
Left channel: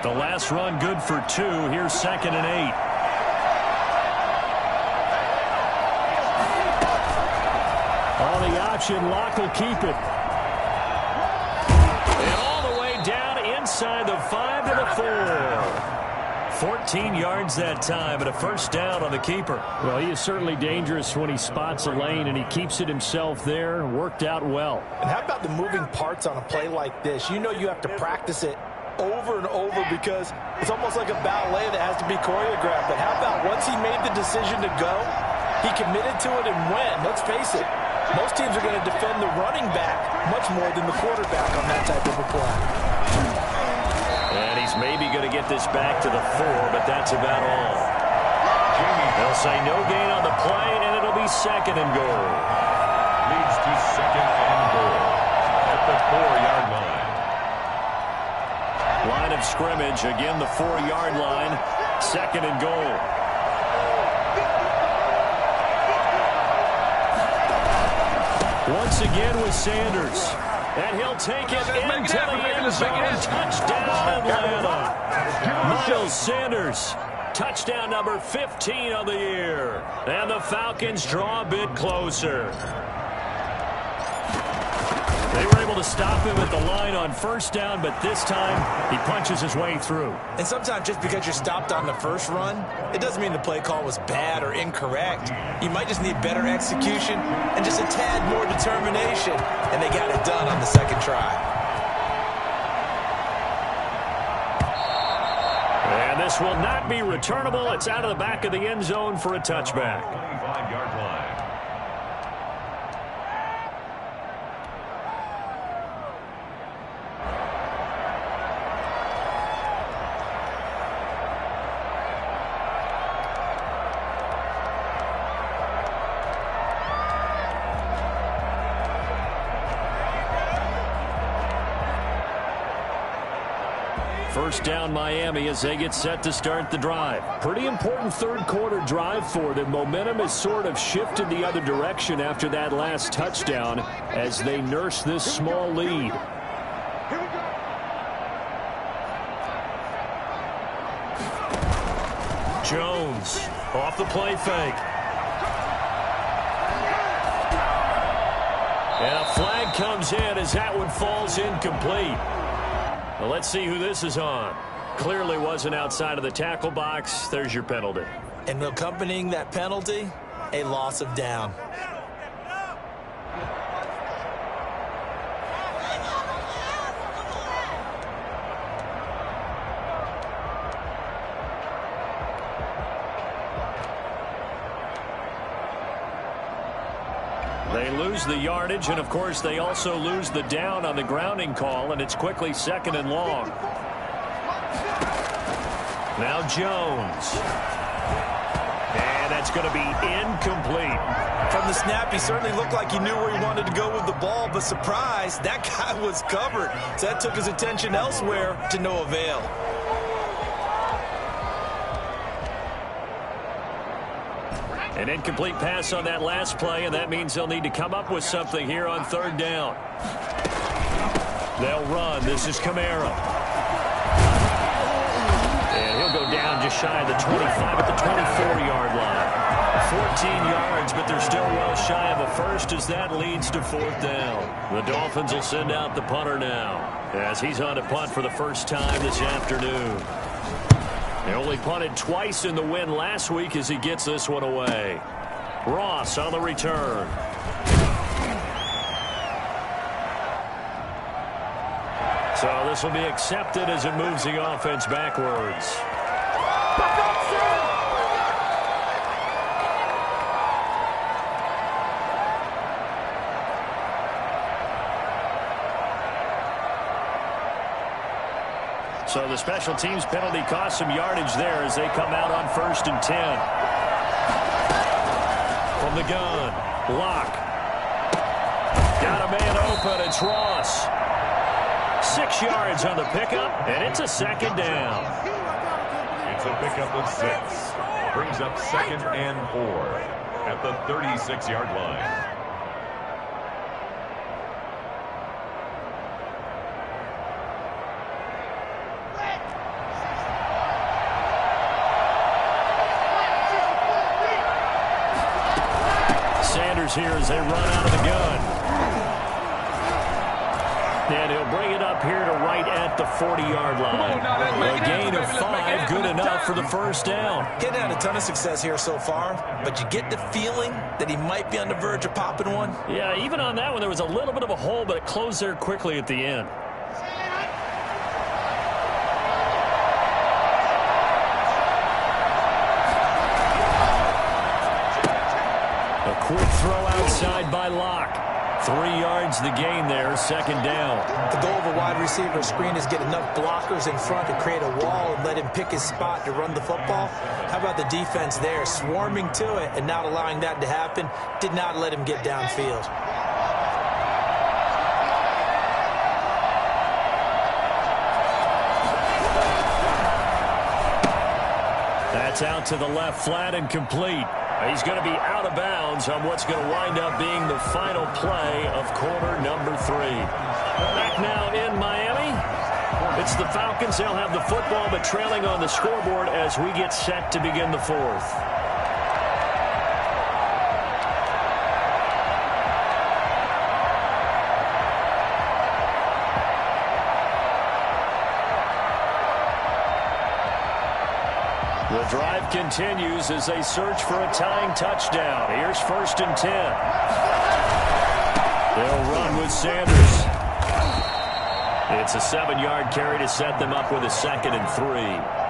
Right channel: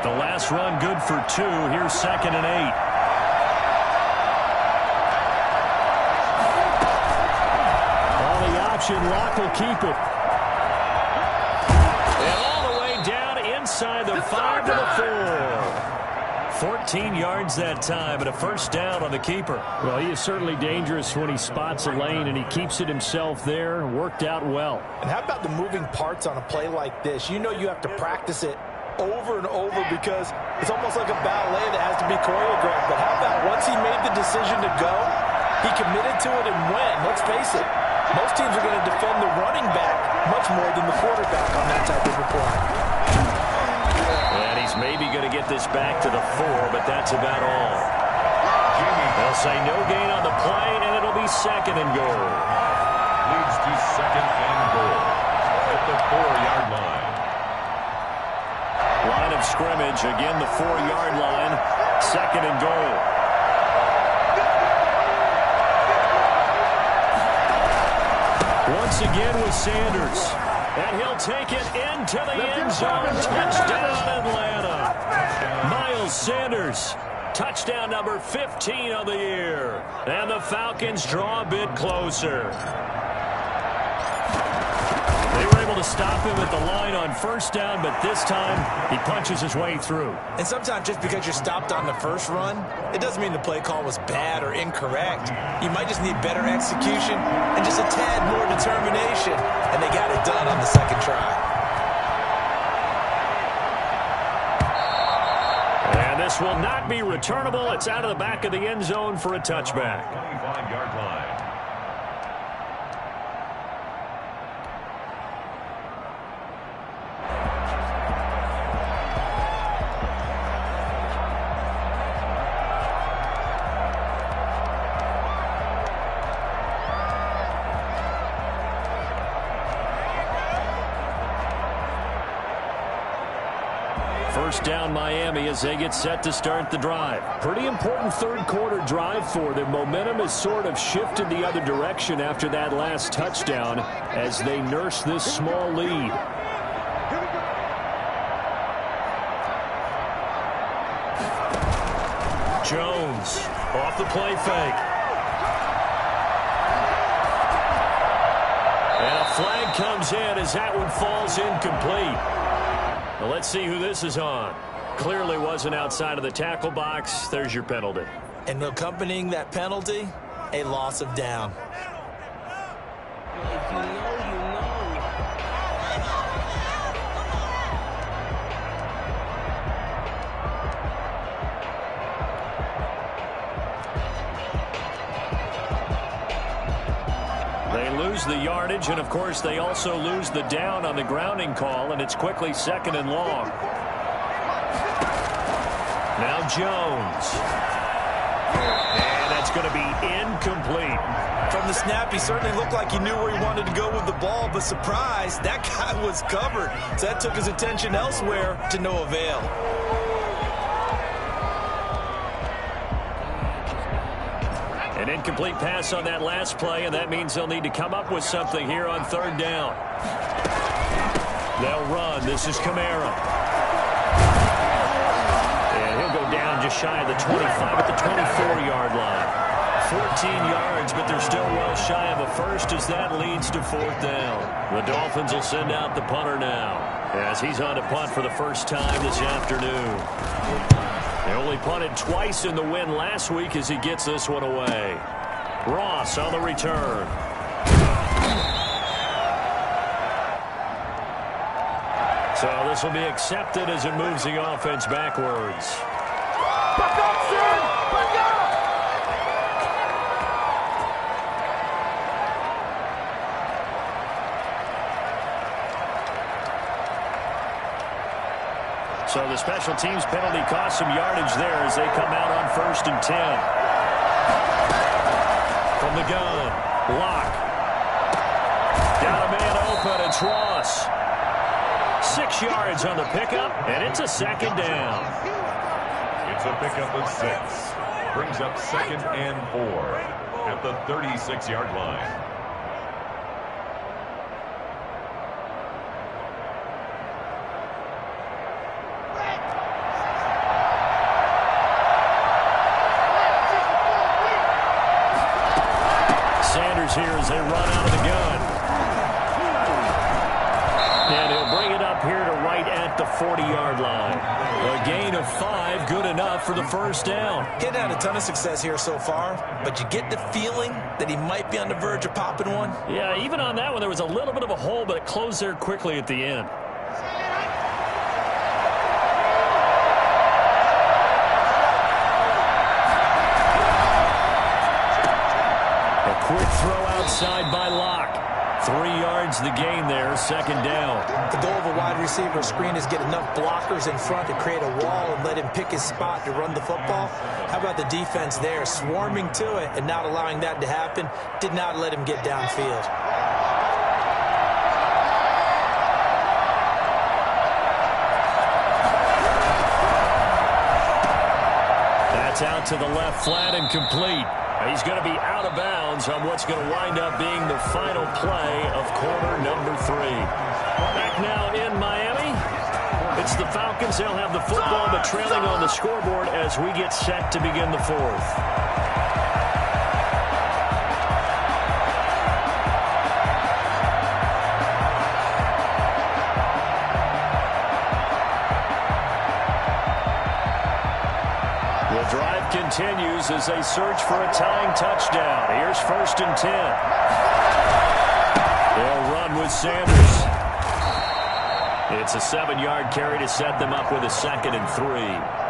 The last run good for 2. Here's 2nd and 8. On the option, Locke will keep it. And all the way down inside the 5 to the 4. 14 yards that time and a first down on the keeper. Well, he is certainly dangerous when he spots a lane, and he keeps it himself there. Worked out well. And how about the moving parts on a play like this? You know you have to practice it over and over because it's almost like a ballet that has to be choreographed. But how about once he made the decision to go, he committed to it and went. Let's face it, most teams are going to defend the running back much more than the quarterback on that type of a play. And he's maybe going to get this back to the 4, but that's about all. They'll say no gain on the play, and it'll be 2nd and goal. Leads to 2nd and goal at the 4-yard line. Line of scrimmage, again the 4-yard line, 2nd and goal. Once again with Sanders. And he'll take it into the end zone. Touchdown, Atlanta. Miles Sanders. Touchdown number 15 on the year. And the Falcons draw a bit closer. They were able to stop him at the line on first down, but this time he punches his way through. And sometimes just because you're stopped on the first run, it doesn't mean the play call was bad or incorrect. You might just need better execution and just a tad more determination. And they got it done on the 2nd try. And this will not be returnable. It's out of the back of the end zone for a touchback. 25-yard line. First down Miami as they get set to start the drive. Pretty important third quarter drive for them. Momentum has sort of shifted the other direction after that last touchdown as they nurse this small lead. Jones off the play fake. And a flag comes in as that one falls incomplete. Well, let's see who this is on. Clearly wasn't outside of the tackle box. There's your penalty. And accompanying that penalty, a loss of down. They lose the yardage, and of course they also lose the down on the grounding call, and it's quickly second and long. Now Jones. And that's going to be incomplete. From the snap, he certainly looked like he knew where he wanted to go with the ball, but surprise, that guy was covered. So that took his attention elsewhere to no avail. An incomplete pass on that last play, and that means they'll need to come up with something here on third down. They'll run. This is Kamara. And he'll go down just shy of the 25 at the 24-yard line. 14 yards, but they're still well shy of a first as that leads to fourth down. The Dolphins will send out the punter now as he's on to punt for the first time this afternoon. They only punted twice in the win last week as he gets this one away. Ross on the return. So this will be accepted as it moves the offense backwards. So the special teams penalty cost some yardage there as they come out on 1st and 10. From the gun, Locke. Got a man open, it's Ross. 6 yards on the pickup, and it's a second down. It's a pickup of 6. Brings up 2nd and 4 at the 36-yard line. Here as they run out of the gun. And he'll bring it up here to right at the 40-yard line. A gain of 5, good enough for the first down. He's had a ton of success here so far, but you get the feeling that he might be on the verge of popping one. Yeah, even on that one, there was a little bit of a hole, but it closed there quickly at the end. Quick throw outside by Locke. 3 yards the gain there, second down. The goal of a wide receiver screen is get enough blockers in front to create a wall and let him pick his spot to run the football. How about the defense there, swarming to it and not allowing that to happen? Did not let him get downfield. That's out to the left, flat and complete. He's going to be out of bounds on what's going to wind up being the final play of quarter number 3. Back now in Miami. It's the Falcons. They'll have the football, but trailing on the scoreboard as we get set to begin the fourth. The drive continues as they search for a tying touchdown. Here's 1st and 10. They'll run with Sanders. It's a 7-yard carry to set them up with a 2nd and 3.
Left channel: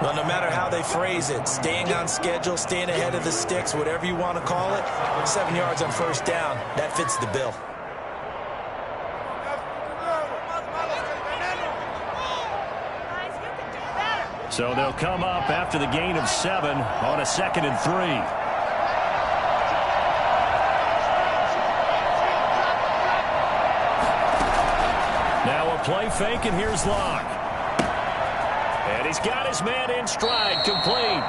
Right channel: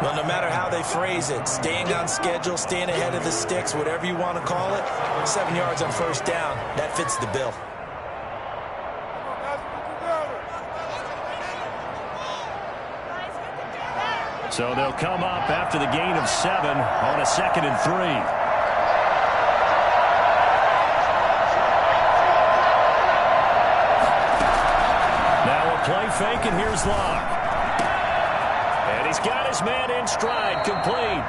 Well, no matter how they phrase it, staying on schedule, staying ahead of the sticks, whatever you want to call it, 7 yards on 1st down, that fits the bill. So they'll come up after the gain of 7 on a 2nd and 3. Now a play fake, and here's Locke. And he's got his man in stride, complete.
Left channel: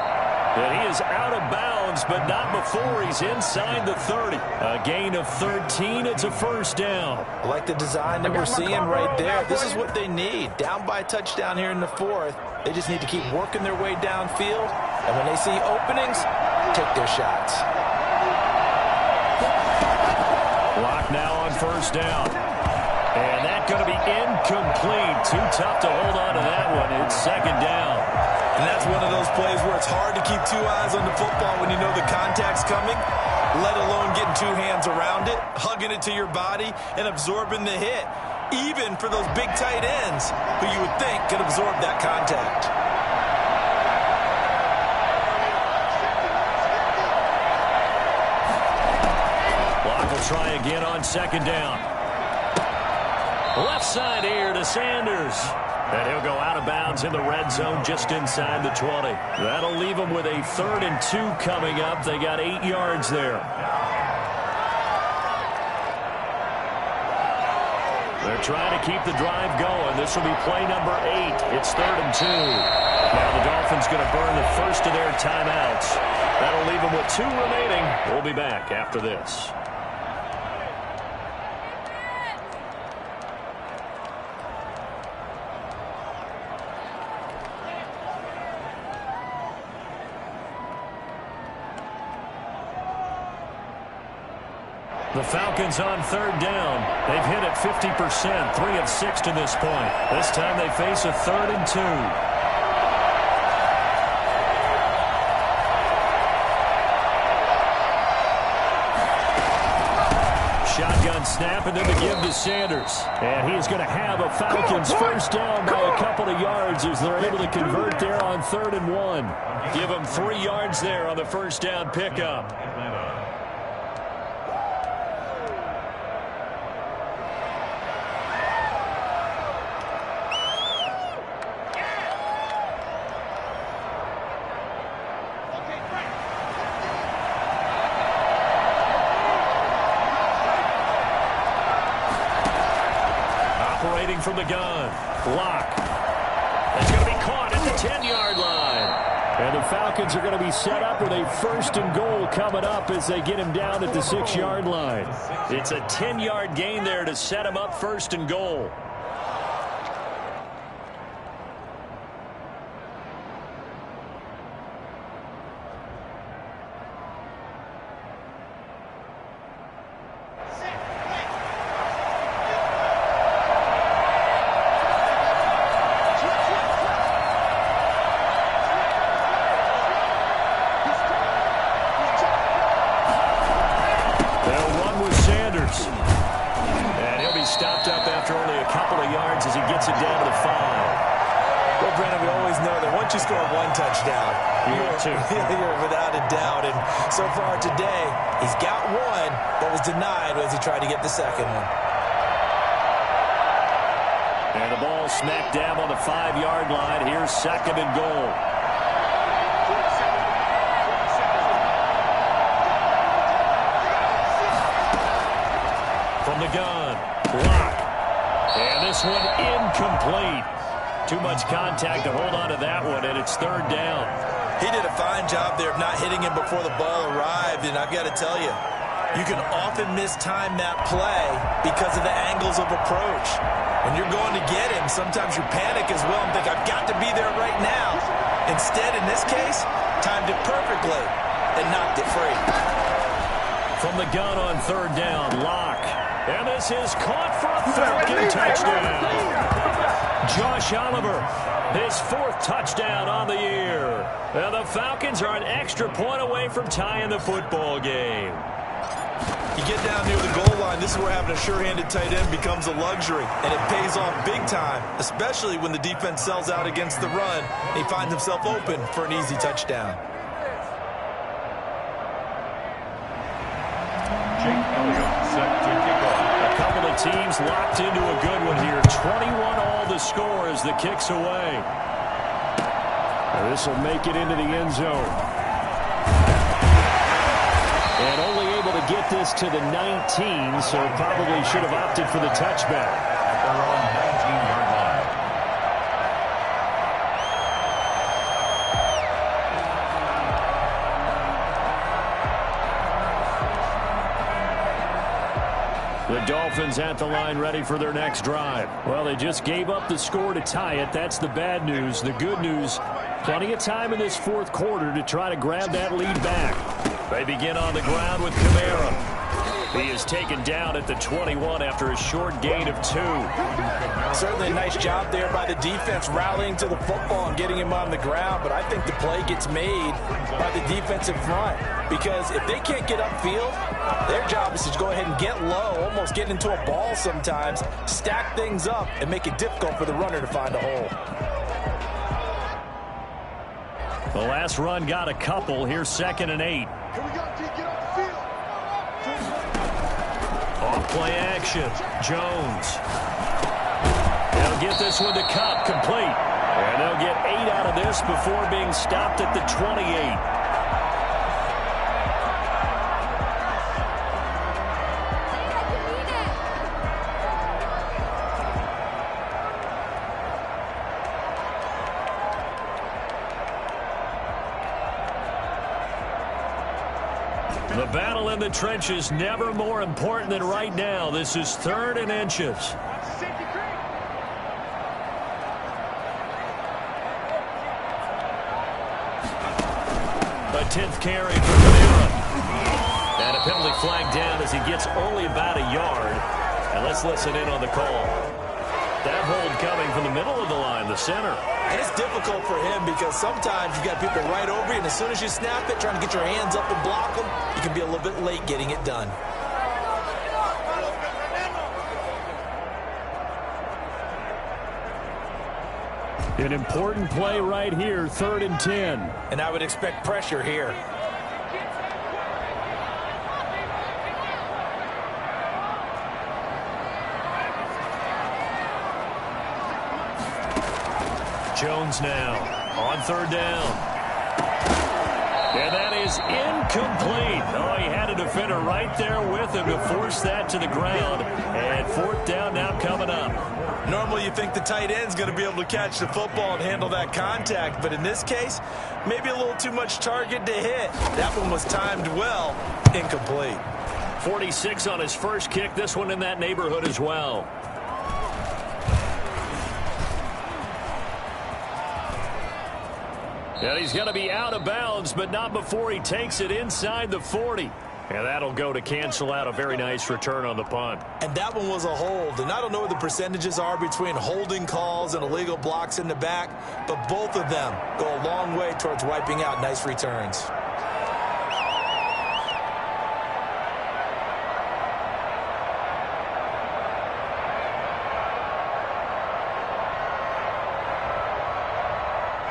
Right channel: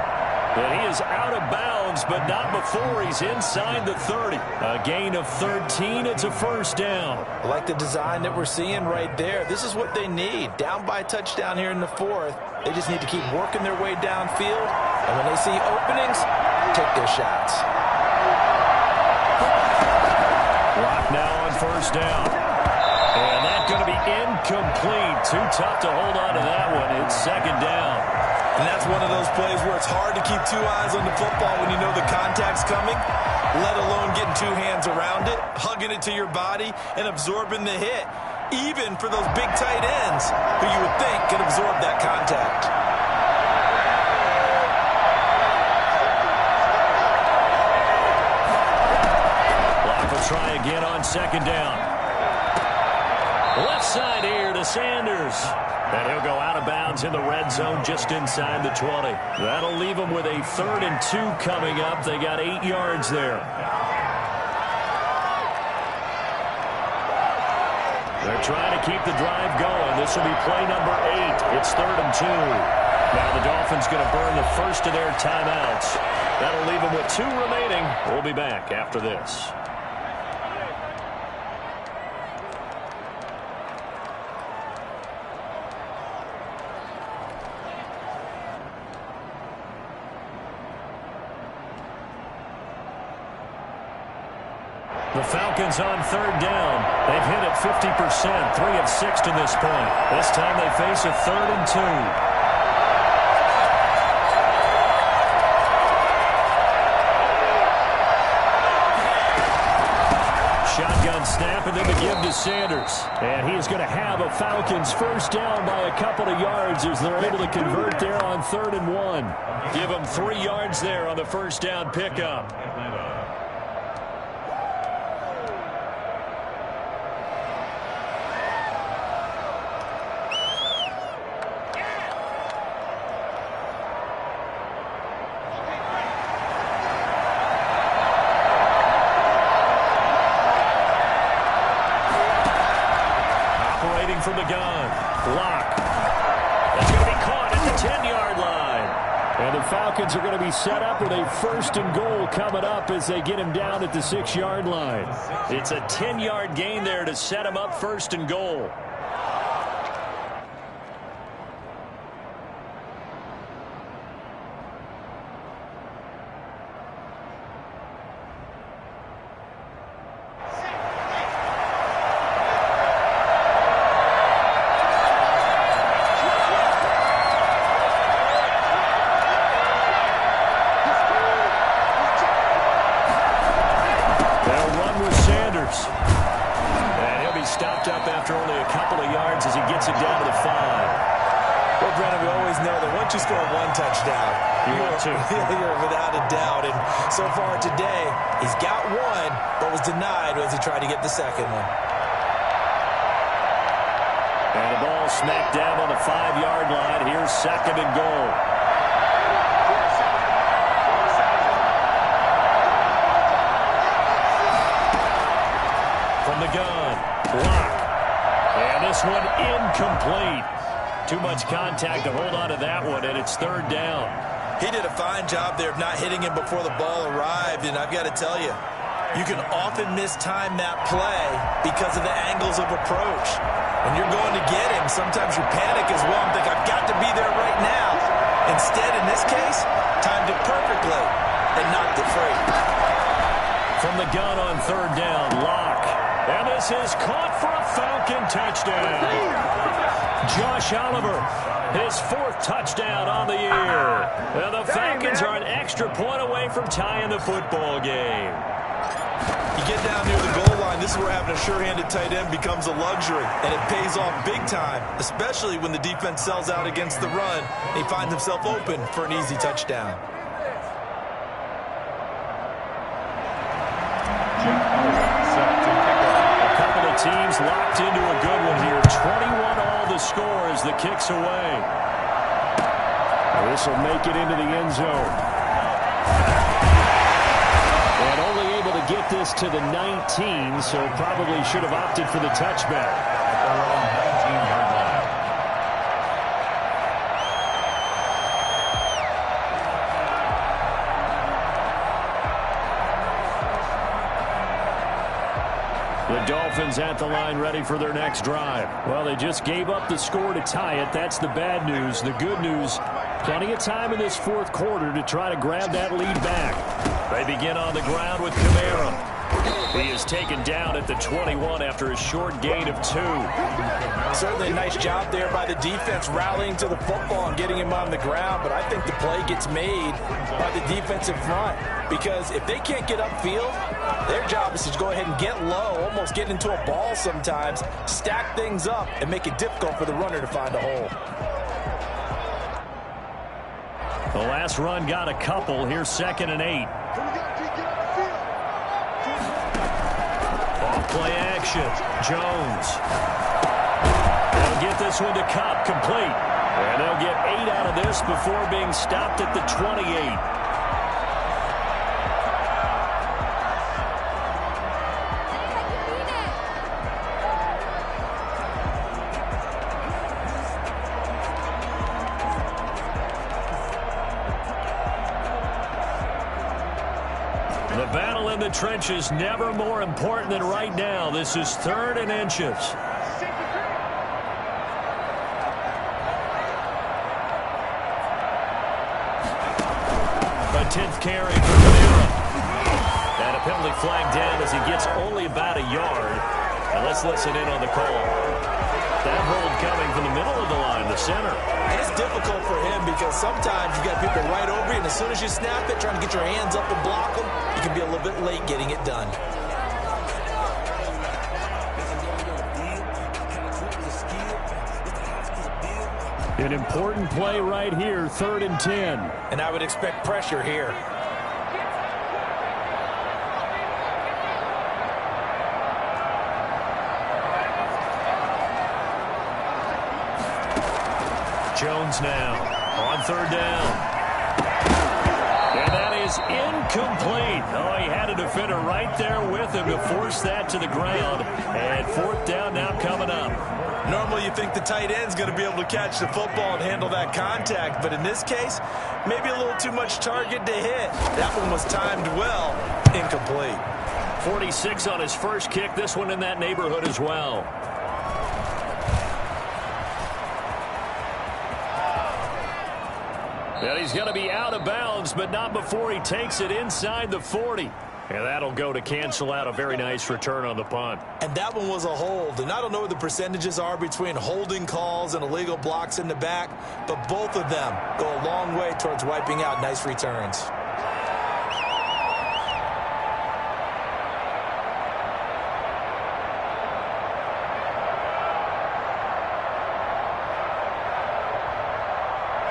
And he is out of bounds, but not before he's inside the 30. A gain of 13. It's a first down. I like the design that we're seeing right there. This is what they need. Down by a touchdown here in the 4th. They just need to keep working their way downfield. And when they see openings, take their shots. Block now on first down. And that's going to be incomplete. Too tough to hold on to that one. It's second down. And that's one of those plays where it's hard to keep two eyes on the football when you know the contact's coming, let alone getting two hands around it, hugging it to your body, and absorbing the hit, even for those big tight ends who you would think could absorb that contact. Block will try again on second down. Left side here to Sanders. And he'll go out of bounds in the red zone just inside the 20. That'll leave them with a 3rd and 2 coming up. They got 8 yards there. They're trying to keep the drive going. This will be play number 8. It's 3rd and 2. Now the Dolphins going to burn the first of their timeouts. That'll leave them with 2 remaining. We'll be back after this. The Falcons on 3rd down. They've hit it 50%, 3 of 6 to this point. This time they face a 3rd and 2. Shotgun snap and then the give to Sanders. And he's going to have a Falcons first down by a couple of yards as they're able to convert there on 3rd and 1. Give them 3 yards there on the first down pickup. From the gun. Block. That's going to be caught at the 10-yard line. And the Falcons are going to be set up with a 1st and goal coming up as they get him down at the 6-yard line. It's a 10-yard gain there to set him up 1st and goal. And he'll be stopped up after only a couple of yards as he gets it down to the 5. Well, Brandon, we always know that once you score 1 touchdown, you're without a doubt. And so far today, he's got 1, but was denied as he tried to get the second one. And the ball smack dab on the 5-yard line. Here's 2nd and goal. From the gun, block. And this one incomplete. Too much contact to hold on to that one, and it's 3rd down. He did a fine job there of not hitting him before the ball arrived, and I've got to tell you, you can often mistime that play because of the angles of approach. When you're going to get him, sometimes you panic as well and think, I've got to be there right now. Instead, in this case, timed it perfectly and knocked it free. From the gun on 3rd down, Locke. And this is caught for a Falcon touchdown. Josh Oliver, his 4th touchdown on the year. And the Falcons are an extra point away from tying the football game. You get down near the goal line, this is where having a sure-handed tight end becomes a luxury. And it pays off big time, especially when the defense sells out against the run. And he finds himself open for an easy touchdown. Set to kick off. A couple of teams locked into a good one here. 21 all the score as the kick's away. This will make it into the end zone. And only able to get this to the 19, so probably should have opted for the touchback. At their own 19-yard line. The Dolphins at the line ready for their next drive. Well, they just gave up the score to tie it. That's the bad news. The good news, plenty of time in this fourth quarter to try to grab that lead back. They begin on the ground with Kamara. He is taken down at the 21 after a short gain of 2. Certainly a nice job there by the defense rallying to the football and getting him on the ground, but I think the play gets made by the defensive front because if they can't get upfield, their job is to go ahead and get low, almost get into a ball sometimes, stack things up, and make it difficult for the runner to find a hole. The last run got a couple. Here's 2nd and 8. Off play action. Jones. They'll get this one to Kupp, complete. And they'll get 8 out of this before being stopped at the 28. The battle in the trenches never more important than right now. This is 3rd and inches. A 10th carry for Kamara. And a penalty flag down as he gets only about a yard. And let's listen in on the call. That hold coming from the middle of the line, the center. And it's difficult for him because sometimes you've got people right over you, and as soon as you snap it, trying to get your hands up and block them, you can be a little bit late getting it done. An important play right here, 3rd and 10. And I would expect pressure here. Jones now on 3rd down. And that is incomplete. Oh, he had a defender right there with him to force that to the ground. And 4th down now coming up. Normally you think the tight end's going to be able to catch the football and handle that contact, but in this case, maybe a little too much target to hit. That one was timed well, incomplete. 46 on his first kick, this one in that neighborhood as well. And he's going to be out of bounds, but not before he takes it inside the 40. And that'll go to cancel out a very nice return on the punt. And that one was a hold. And I don't know what the percentages are between holding calls and illegal blocks in the back, but both of them go a long way towards wiping out nice returns.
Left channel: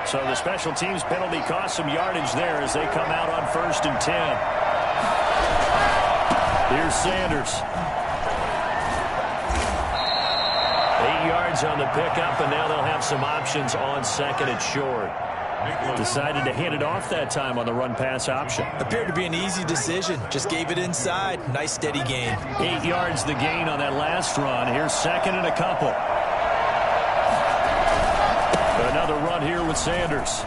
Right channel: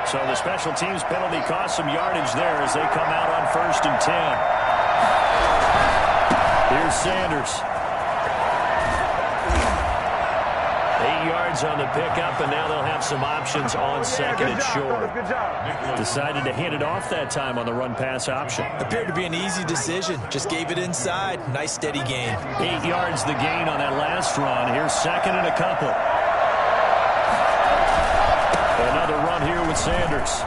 So the special teams penalty cost some yardage there as they come out on 1st and 10. Here's Sanders. 8 yards on the pickup, and now they'll have some options on 2nd and short. Decided to hand it off that time on the run-pass option. Appeared to be an easy decision. Just gave it inside. Nice steady gain. 8 yards the gain on that last run. Here's 2nd and a couple. Another run here with Sanders.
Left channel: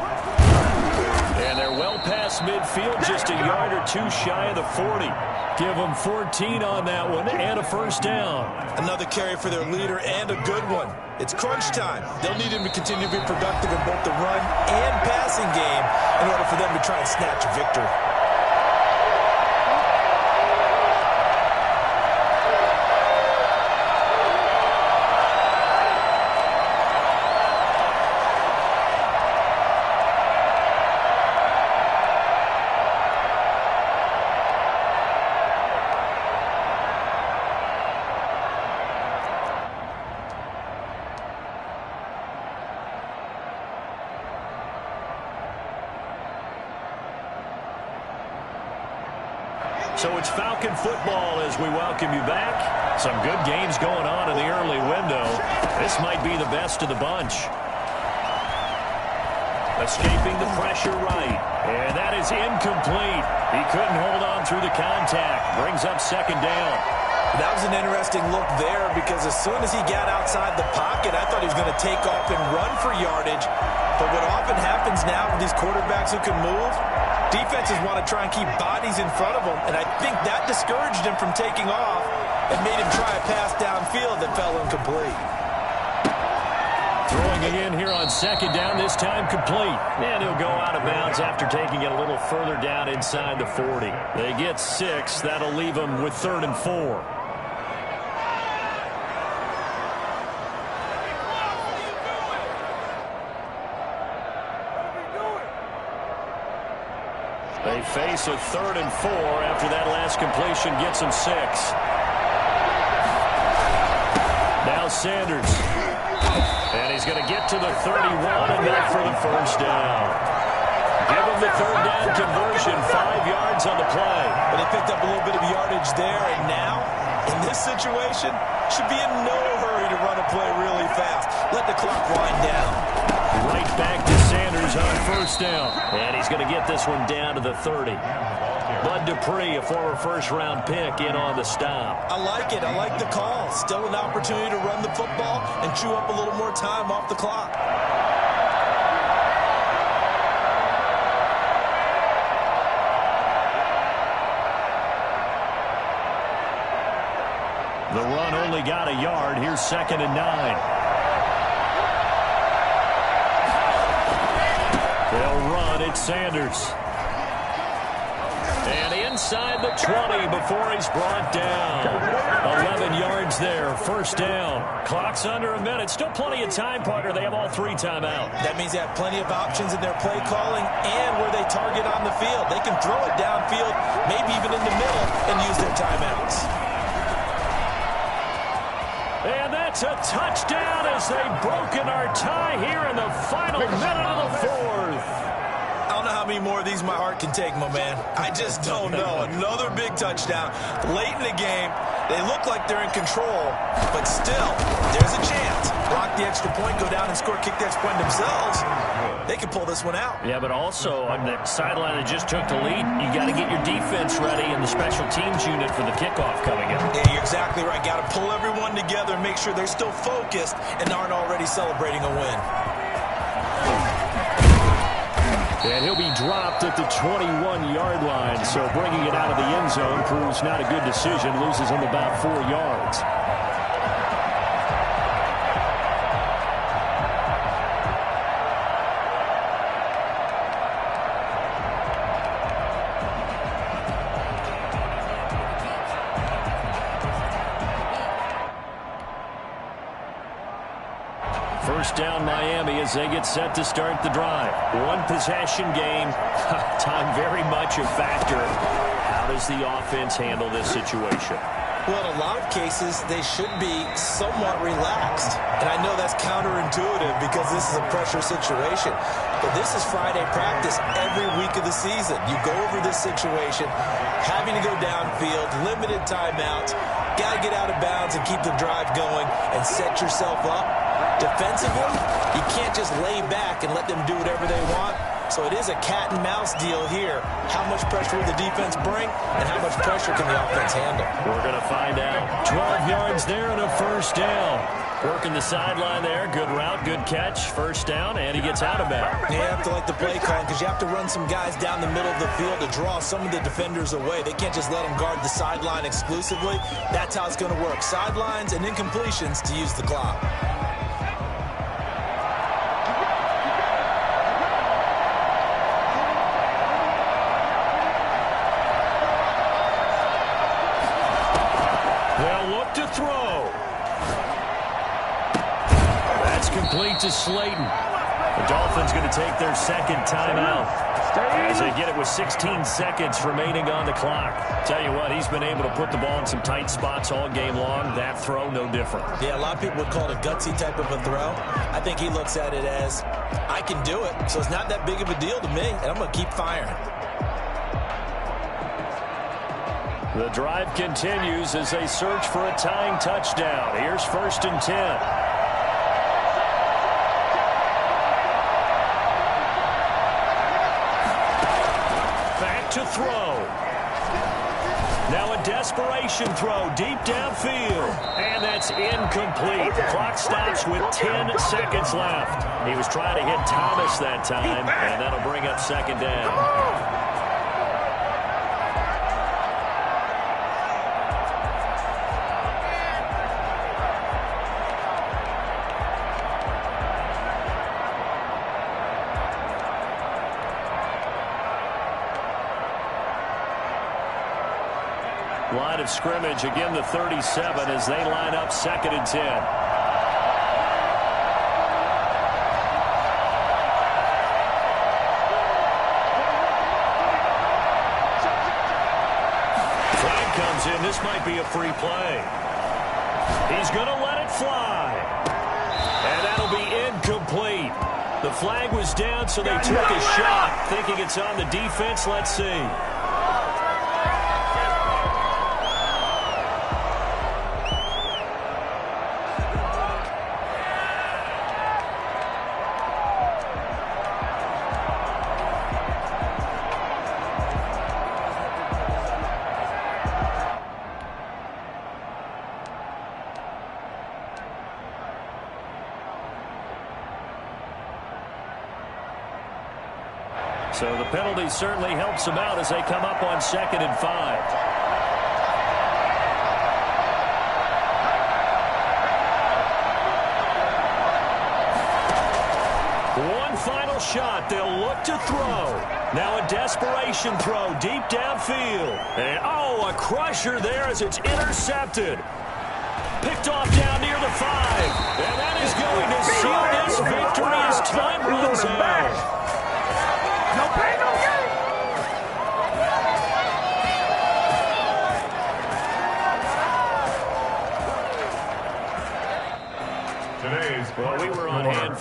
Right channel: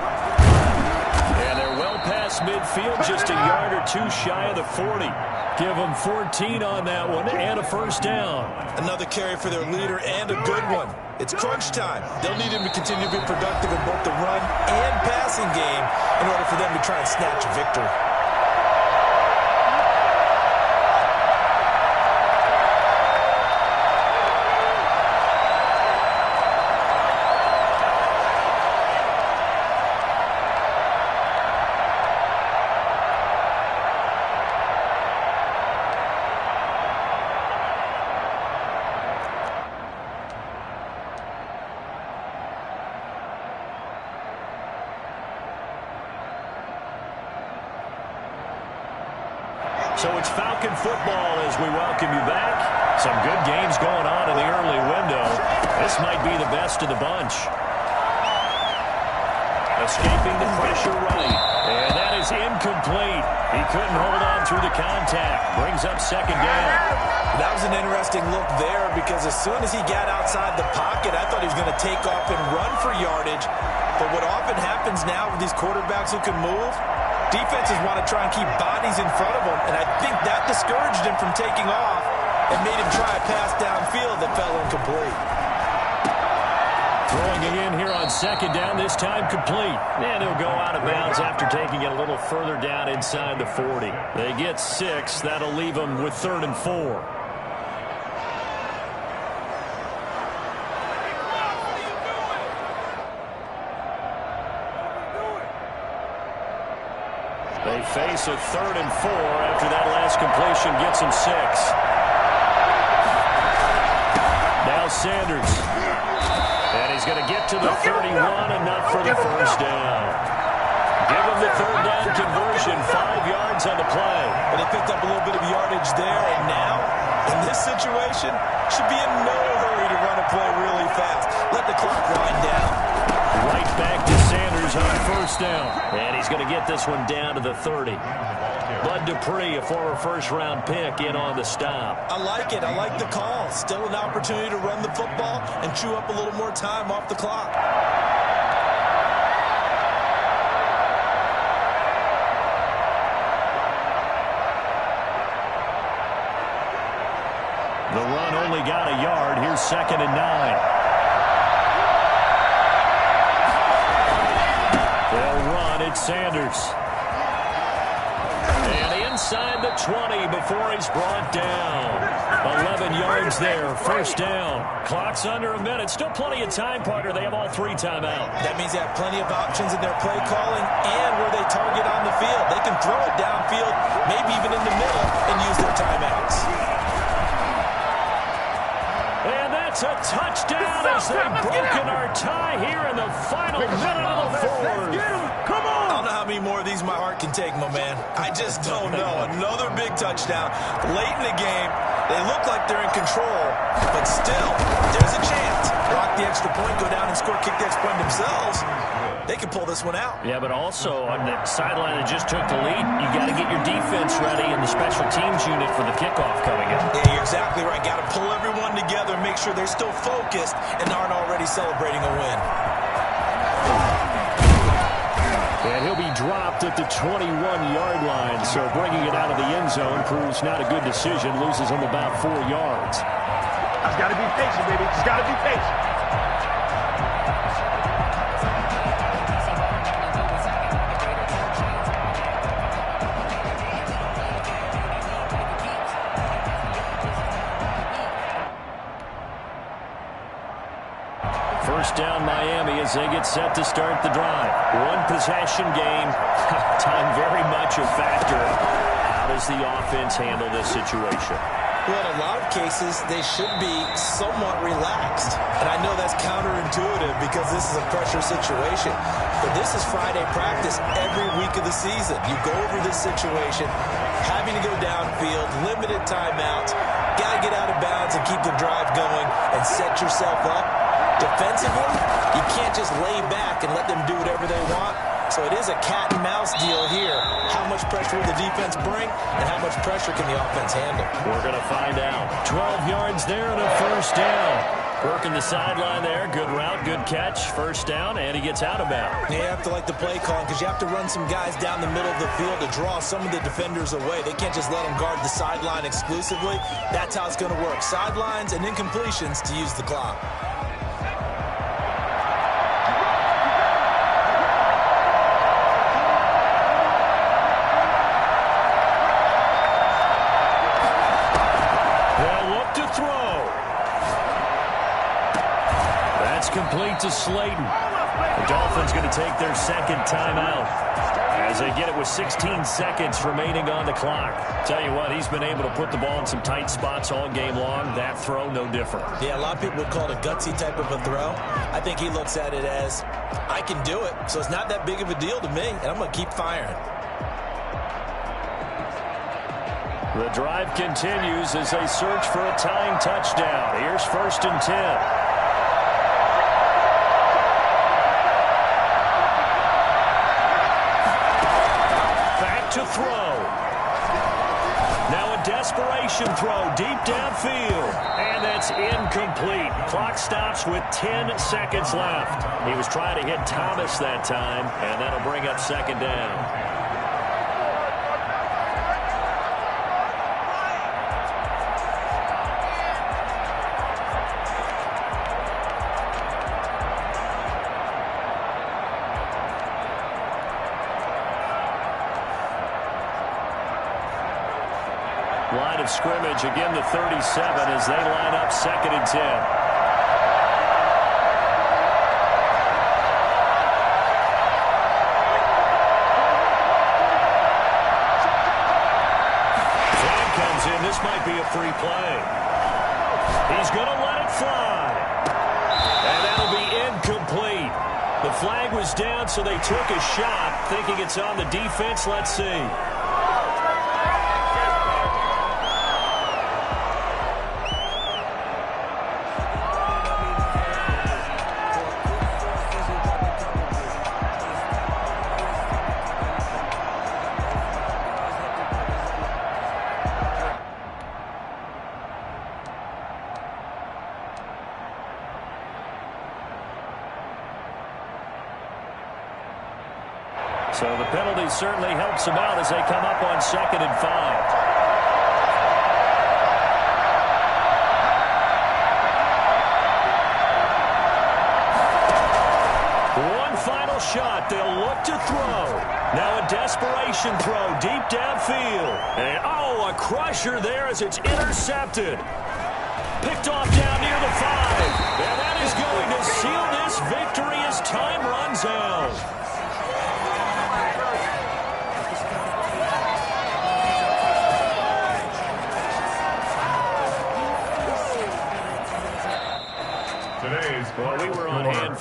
And they're well past midfield, just a yard or 2 shy of the 40. Give them 14 on that one and a 1st down. Another carry for their leader and a good one. It's crunch time. They'll need him to continue to be productive in both the run and passing game in order for them to try and snatch a victory. So it's Falcon football as we welcome you back. Some good games going on in the early window. This might be the best of the bunch. Escaping the pressure right. And that is incomplete. He couldn't hold on through the contact. Brings up 2nd down. That was an interesting look there because as soon as he got outside the pocket, I thought he was going to take off and run for yardage. But what often happens now with these quarterbacks who can move, defenses want to try and keep bodies in front of them, and I think that discouraged him from taking off. and made him try a pass downfield that fell incomplete. Throwing again here on second down, this time complete. And he'll go out of bounds after taking it a little further down inside the 40. They get 6. That'll leave them with 3rd and 4. They face a 3rd and 4 after that last completion gets them 6. Now Sanders. And he's going to get to the 31 and not for the first down. Give him the 3rd down conversion, 5 yards on the play. But they picked up a little bit of yardage there, and now, in this situation, should be in no hurry to run a play really fast. Let the clock wind down. Right back to Sanders on 1st down. And he's going to get this one down to the 30. Bud Dupree, a former first-round pick, in on the stop. I like it. I like the call. Still an opportunity to run the football and chew up a little more time off the clock. The run only got a yard. Here's 2nd and 9. They'll run. It's Sanders. And inside the 20 before he's brought down. 11 yards there. 1st down. Clock's under a minute. Still plenty of time, partner. They have all 3 timeouts. That means they have plenty of options in their play calling and where they target on the field. They can throw it downfield, maybe even in the middle, and use their timeouts. And that's a touchdown as they've broken our tie here in the final minute of the 4th. I don't know how many more of these my heart can take, my man. I just don't know. Another big touchdown. Late in the game, they look like they're in control, but still, there's a chance. Block the extra point, go down and score, kick the extra point themselves. They can pull this one out. Yeah, but also on the sideline that just took the lead, you got to get your defense ready and the special teams unit for the kickoff coming up. Yeah, you're exactly right. Got to pull everyone together and make sure they're still focused and aren't already celebrating a win. And he'll be dropped at the 21-yard line, so bringing it out of the end zone proves not a good decision. Loses him about 4 yards. Just got to be patient, baby. Just got to be patient. First down Miami as they get set to start the drive. One possession game. Time very much a factor. How does the offense handle this situation? Well, in a lot of cases, they should be somewhat relaxed. And I know that's counterintuitive because this is a pressure situation. But this is Friday practice every week of the season. You go over this situation, having to go downfield, limited timeouts, got to get out of bounds and keep the drive going and set yourself up. Defensively, you can't just lay back and let them do whatever they want. So it is a cat and mouse deal here. How much pressure will the defense bring and how much pressure can the offense handle? We're going to find out. 12 yards there and a first down. Working the sideline there. Good route, good catch. First down, and he gets out of bounds. You have to like the play calling because you have to run some guys down the middle of the field to draw some of the defenders away. They can't just let them guard the sideline exclusively. That's how it's going to work. Sidelines and incompletions to use the clock. They'll look to throw. That's complete to Slayton. The Dolphins going to take their second timeout as they get it with 16 seconds remaining on the clock. Tell you what, he's been able to put the ball in some tight spots all game long. That throw, no different. Yeah, a lot of people would call it a gutsy type of a throw. I think he looks at it as, I can do it, so it's not that big of a deal to me, and I'm going to keep firing. The drive continues as they search for a tying touchdown. Here's 1st and 10. Back to throw. Now a desperation throw deep downfield. And that's incomplete. The clock stops with 10 seconds left. He was trying to hit Thomas that time, and that'll bring up 2nd down. Line of scrimmage, again the 37 as they line up 2nd and 10. Flag comes in. This might be a free play. He's going to let it fly. And that'll be incomplete. The flag was down, so they took a shot, thinking it's on the defense. Let's see. So the penalty certainly helps them out as they come up on 2nd and 5. One final shot. They'll look to throw. Now a desperation throw deep downfield. And, oh, a crusher there as it's intercepted. Picked off down near the 5. And that is going to seal this victory as time runs out. Today's Well, we were on hand.